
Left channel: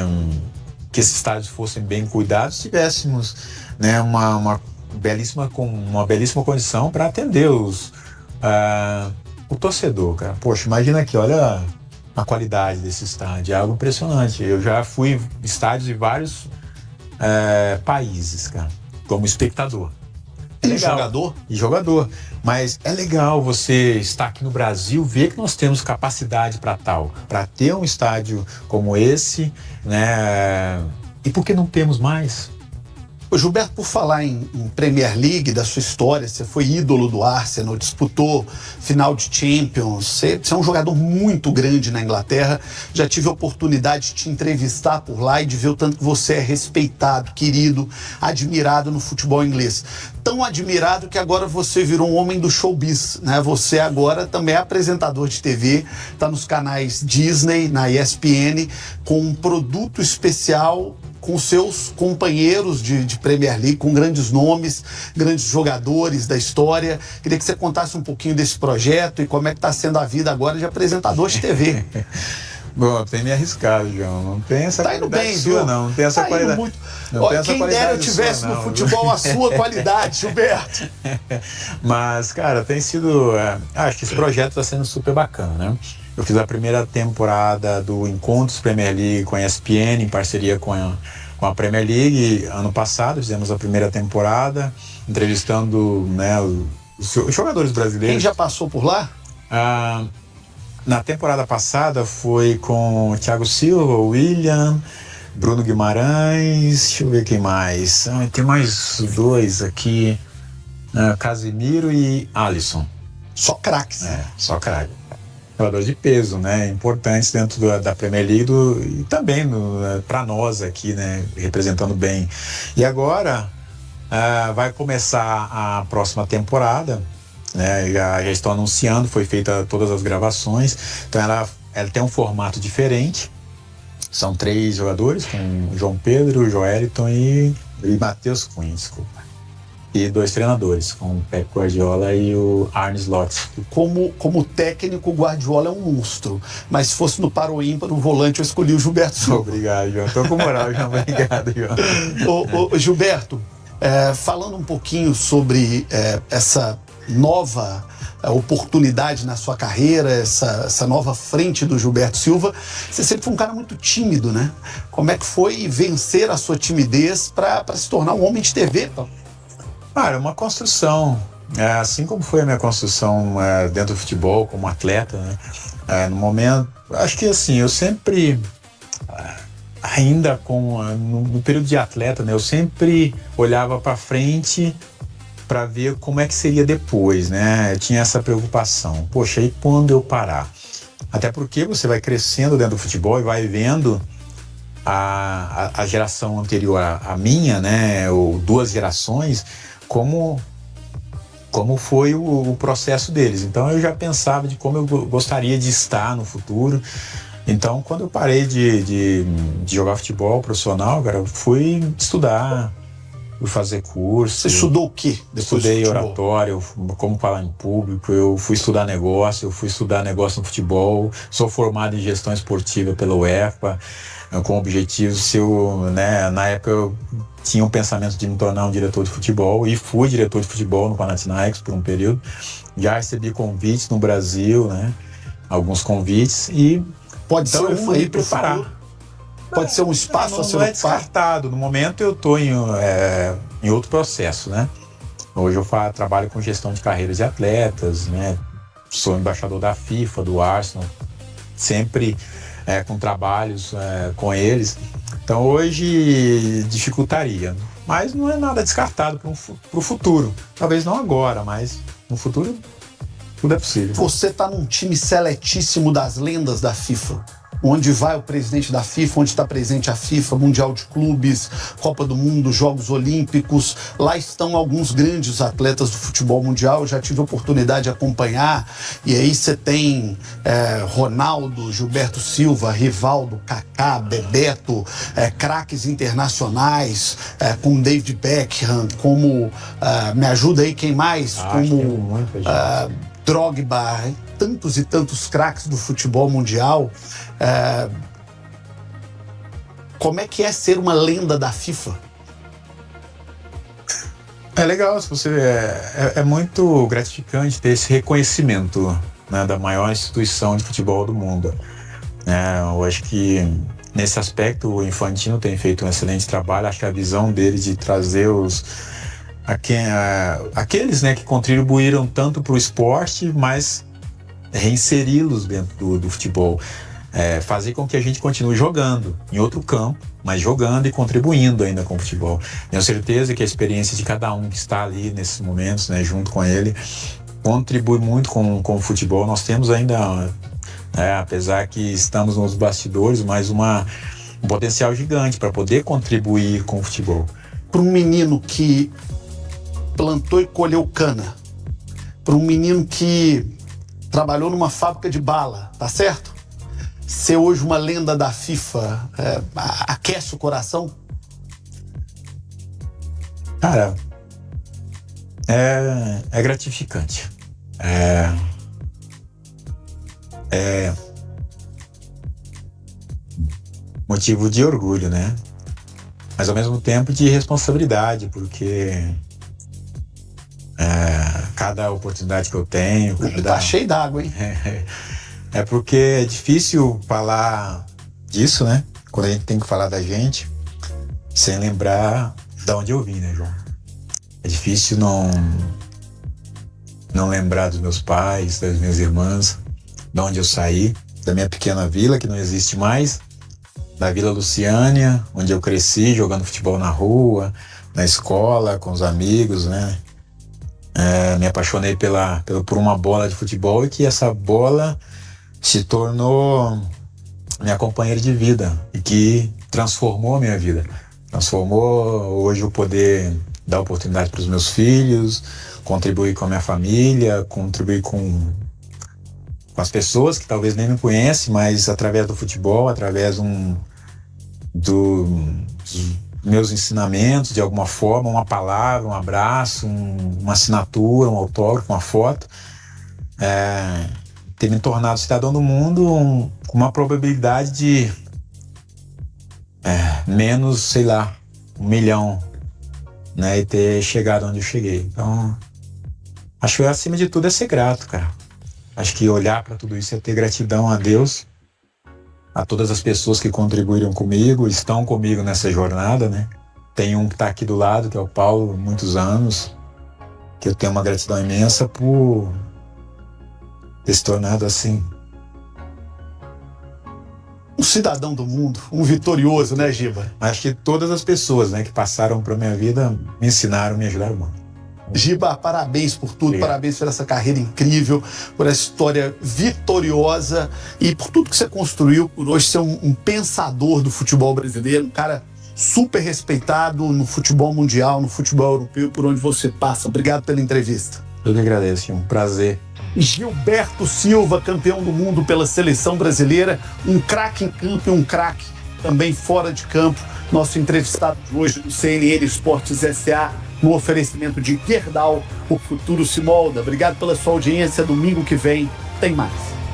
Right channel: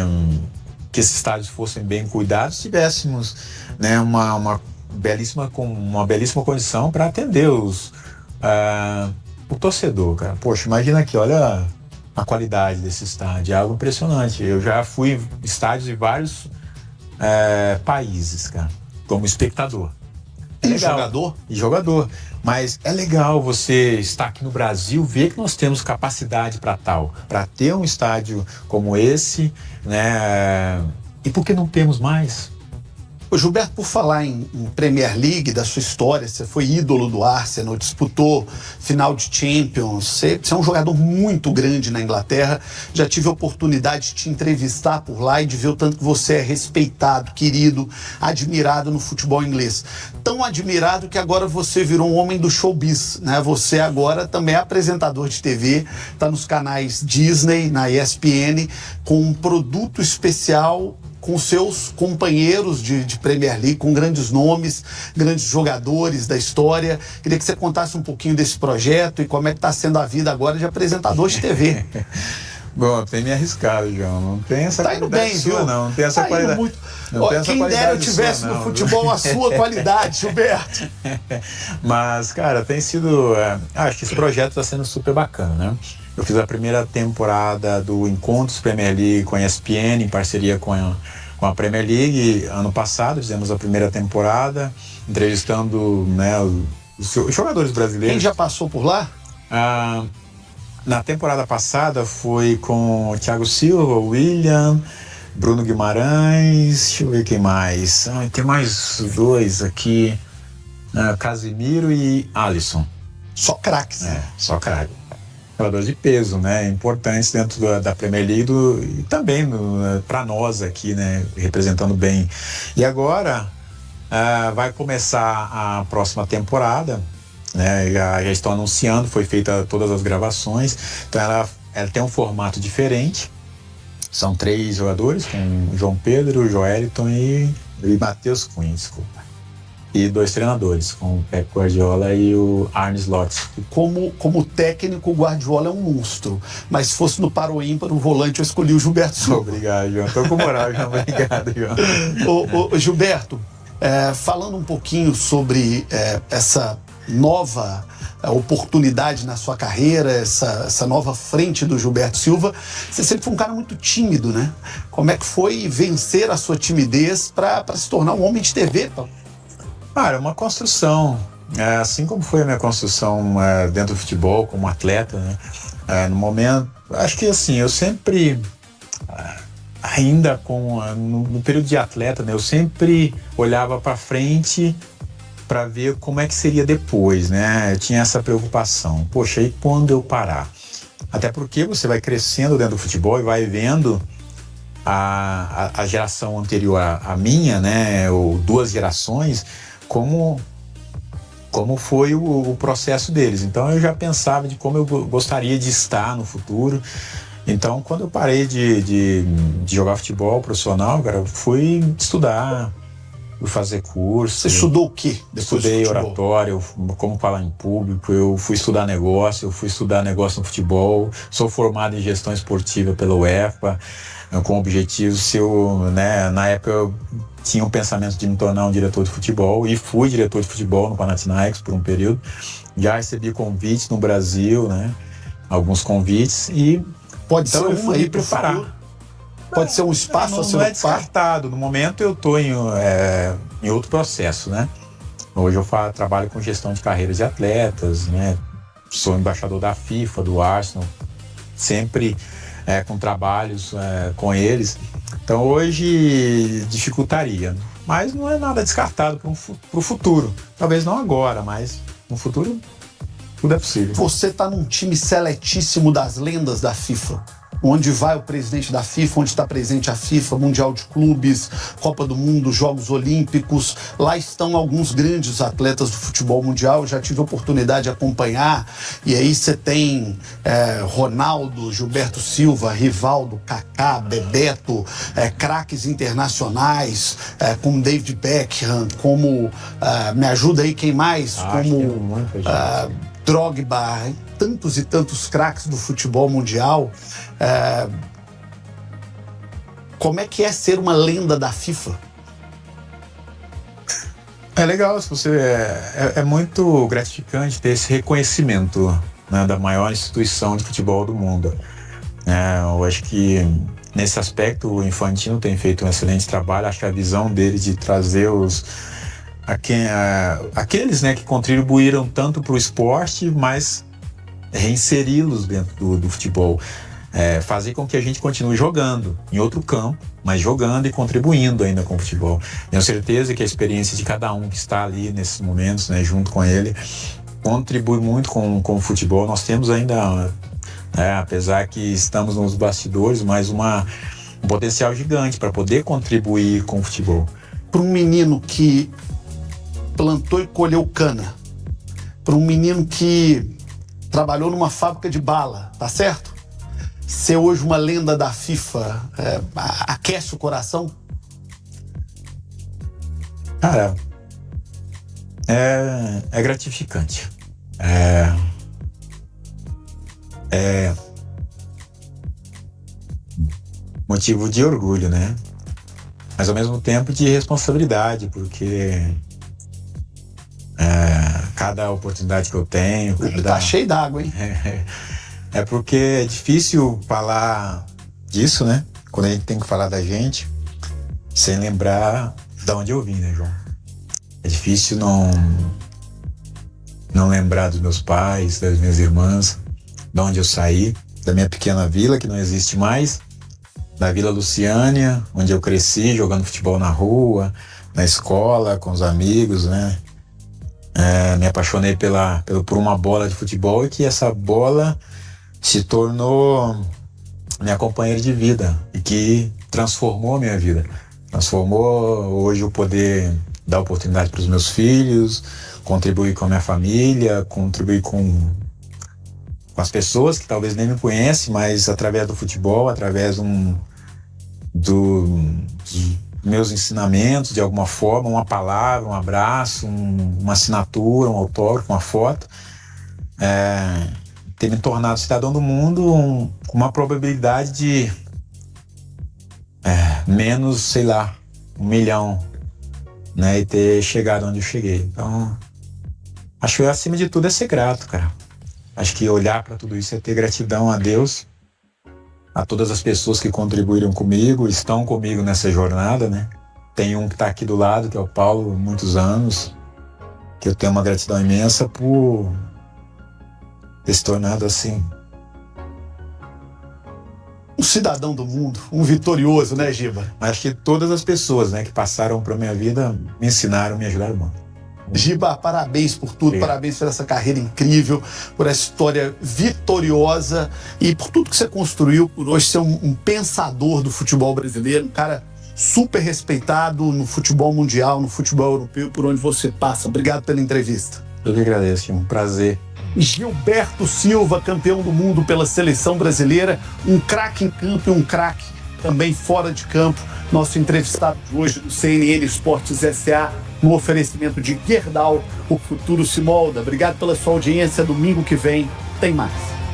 esses estádios fossem bem cuidados, tivéssemos, né, uma belíssima condição para atender o torcedor, cara. Poxa, imagina aqui, olha a qualidade desse estádio, é algo impressionante. Eu já fui em estádios de vários países, cara, como espectador. E jogador? E jogador. Mas é legal você estar aqui no Brasil, ver que nós temos capacidade para ter um estádio como esse, né? E por que não temos mais? Ô Gilberto, por falar em Premier League, da sua história, você foi ídolo do Arsenal, disputou final de Champions, você é um jogador muito grande na Inglaterra, já tive a oportunidade de te entrevistar por lá e de ver o tanto que você é respeitado, querido, admirado no futebol inglês. Tão admirado que agora você virou um homem do showbiz, né? Você agora também é apresentador de TV, está nos canais Disney, na ESPN, com um produto especial com seus companheiros de Premier League, com grandes nomes, grandes jogadores da história. Queria que você contasse um pouquinho desse projeto e como é que está sendo a vida agora de apresentador de TV. Bom, tem me arriscado, João. Não tem essa qualidade bem, sua, viu? Não tem essa qualidade. Muito. Quem dera eu tivesse no futebol a sua qualidade, Gilberto. Mas, cara, tem sido... acho que esse projeto está sendo super bacana, né? Eu fiz a primeira temporada do Encontros Premier League com a ESPN, em parceria com a Premier League. Ano passado fizemos a primeira temporada, entrevistando, né, os jogadores brasileiros. Quem já passou por lá? Na temporada passada foi com o Thiago Silva, o William, Bruno Guimarães, deixa eu ver quem mais. Tem mais 2 aqui, Casemiro e Alisson. Só craques. Só craques. Jogadores de peso, né? Importantes dentro da Premier League e também para nós aqui, né? Representando bem. E agora vai começar a próxima temporada, né? Já estão anunciando, foi feita todas as gravações. Então ela tem um formato diferente. São 3 jogadores, com João Pedro, Joeliton e Matheus Cunha, desculpa. E 2 treinadores, com o Pep Guardiola e o Arne Slot. Como técnico, o Guardiola é um monstro. Mas se fosse no paro ímpar, no volante, eu escolhi o Gilberto Silva. Obrigado, João. Tô com moral, João. Obrigado, João. Ô, Gilberto, falando um pouquinho sobre essa nova oportunidade na sua carreira, essa nova frente do Gilberto Silva, você sempre foi um cara muito tímido, né? Como é que foi vencer a sua timidez para se tornar um homem de TV, pô? É uma construção. Assim como foi a minha construção dentro do futebol, como atleta, né? No momento, acho que assim, eu sempre, ainda no período de atleta, né? Eu sempre olhava para frente para ver como é que seria depois, né? Eu tinha essa preocupação. Poxa, e quando eu parar? Até porque você vai crescendo dentro do futebol e vai vendo a geração anterior à minha, né? Ou 2 gerações, como foi o processo deles. Então eu já pensava de como eu gostaria de estar no futuro. Então quando eu parei de jogar futebol profissional, cara, eu fui estudar, fui fazer curso. Você estudou o quê? Estudei oratório, como falar em público, eu fui estudar negócio no futebol, sou formado em gestão esportiva pela UEFA, com objetivo, né, na época eu tinha um pensamento de me tornar um diretor de futebol e fui diretor de futebol no Panathinaikos por um período. Já recebi convites no Brasil, né, alguns convites e pode então ser eu fui preparar. Pode ser um espaço a ser não é descartado. No momento eu estou em outro processo, né? Hoje eu trabalho com gestão de carreiras de atletas, né? Sou embaixador da FIFA, do Arsenal, sempre com trabalhos com eles. Então hoje dificultaria, mas não é nada descartado para o futuro. Talvez não agora, mas no futuro tudo é possível. Você está num time seletíssimo das lendas da FIFA, onde vai o presidente da FIFA, onde está presente a FIFA, Mundial de Clubes, Copa do Mundo, Jogos Olímpicos. Lá estão alguns grandes atletas do futebol mundial, eu já tive a oportunidade de acompanhar. E aí você tem Ronaldo, Gilberto Silva, Rivaldo, Kaká, Bebeto, craques internacionais, como David Beckham, como, me ajuda aí, quem mais? Como Drogba, tantos e tantos craques do futebol mundial. Como é que é ser uma lenda da FIFA? É legal, se você é muito gratificante ter esse reconhecimento, né, da maior instituição de futebol do mundo. Eu acho que nesse aspecto o Infantino tem feito um excelente trabalho. Acho que a visão dele de trazer aqueles, né, que contribuíram tanto para o esporte, mas reinseri-los dentro do futebol. Fazer com que a gente continue jogando em outro campo, mas jogando e contribuindo ainda com o futebol. Tenho certeza que a experiência de cada um que está ali nesses momentos, né, junto com ele, contribui muito com o futebol. Nós temos ainda, apesar que estamos nos bastidores, mas um potencial gigante para poder contribuir com o futebol. Para um menino que plantou e colheu cana, para um menino que trabalhou numa fábrica de bala, tá certo? Ser hoje uma lenda da FIFA aquece o coração? Cara, é gratificante. É motivo de orgulho, né? Mas ao mesmo tempo de responsabilidade, porque cada oportunidade que eu tenho... Tá cheio d'água, hein? Porque é difícil falar disso, né? Quando a gente tem que falar da gente, sem lembrar de onde eu vim, né, João? É difícil não lembrar dos meus pais, das minhas irmãs, de onde eu saí, da minha pequena vila, que não existe mais, da Vila Luciânia, onde eu cresci jogando futebol na rua, na escola, com os amigos, né? Me apaixonei por uma bola de futebol e que essa bola se tornou minha companheira de vida e que transformou a minha vida. Transformou hoje eu poder dar oportunidade para os meus filhos, contribuir com a minha família, contribuir com as pessoas que talvez nem me conhecem, mas através do futebol, através dos meus ensinamentos, de alguma forma, uma palavra, um abraço, uma assinatura, um autógrafo, uma foto, ter me tornado cidadão do mundo com uma probabilidade de menos, sei lá, 1 milhão, né, e ter chegado onde eu cheguei. Então, acho que acima de tudo é ser grato, cara. Acho que olhar para tudo isso é ter gratidão a Deus, a todas as pessoas que contribuíram comigo, estão comigo nessa jornada, né? Tem um que está aqui do lado, que é o Paulo, há muitos anos, que eu tenho uma gratidão imensa por ter se tornado assim Um cidadão do mundo, um vitorioso, né, Giba? Acho que todas as pessoas, né, que passaram pela minha vida me ensinaram, me ajudaram muito. Giba, parabéns por tudo, Obrigado. parabéns por essa carreira incrível, por essa história vitoriosa e por tudo que você construiu, por hoje ser um pensador do futebol brasileiro, um cara super respeitado no futebol mundial, no futebol europeu, por onde você passa. Obrigado pela entrevista. Eu que agradeço, um prazer. Gilberto Silva, campeão do mundo pela seleção brasileira, um craque em campo e um craque também fora de campo. Nosso entrevistado de hoje no CNN Esportes SA, no oferecimento de Gerdau, o futuro se molda. Obrigado pela sua audiência. Domingo que vem tem mais.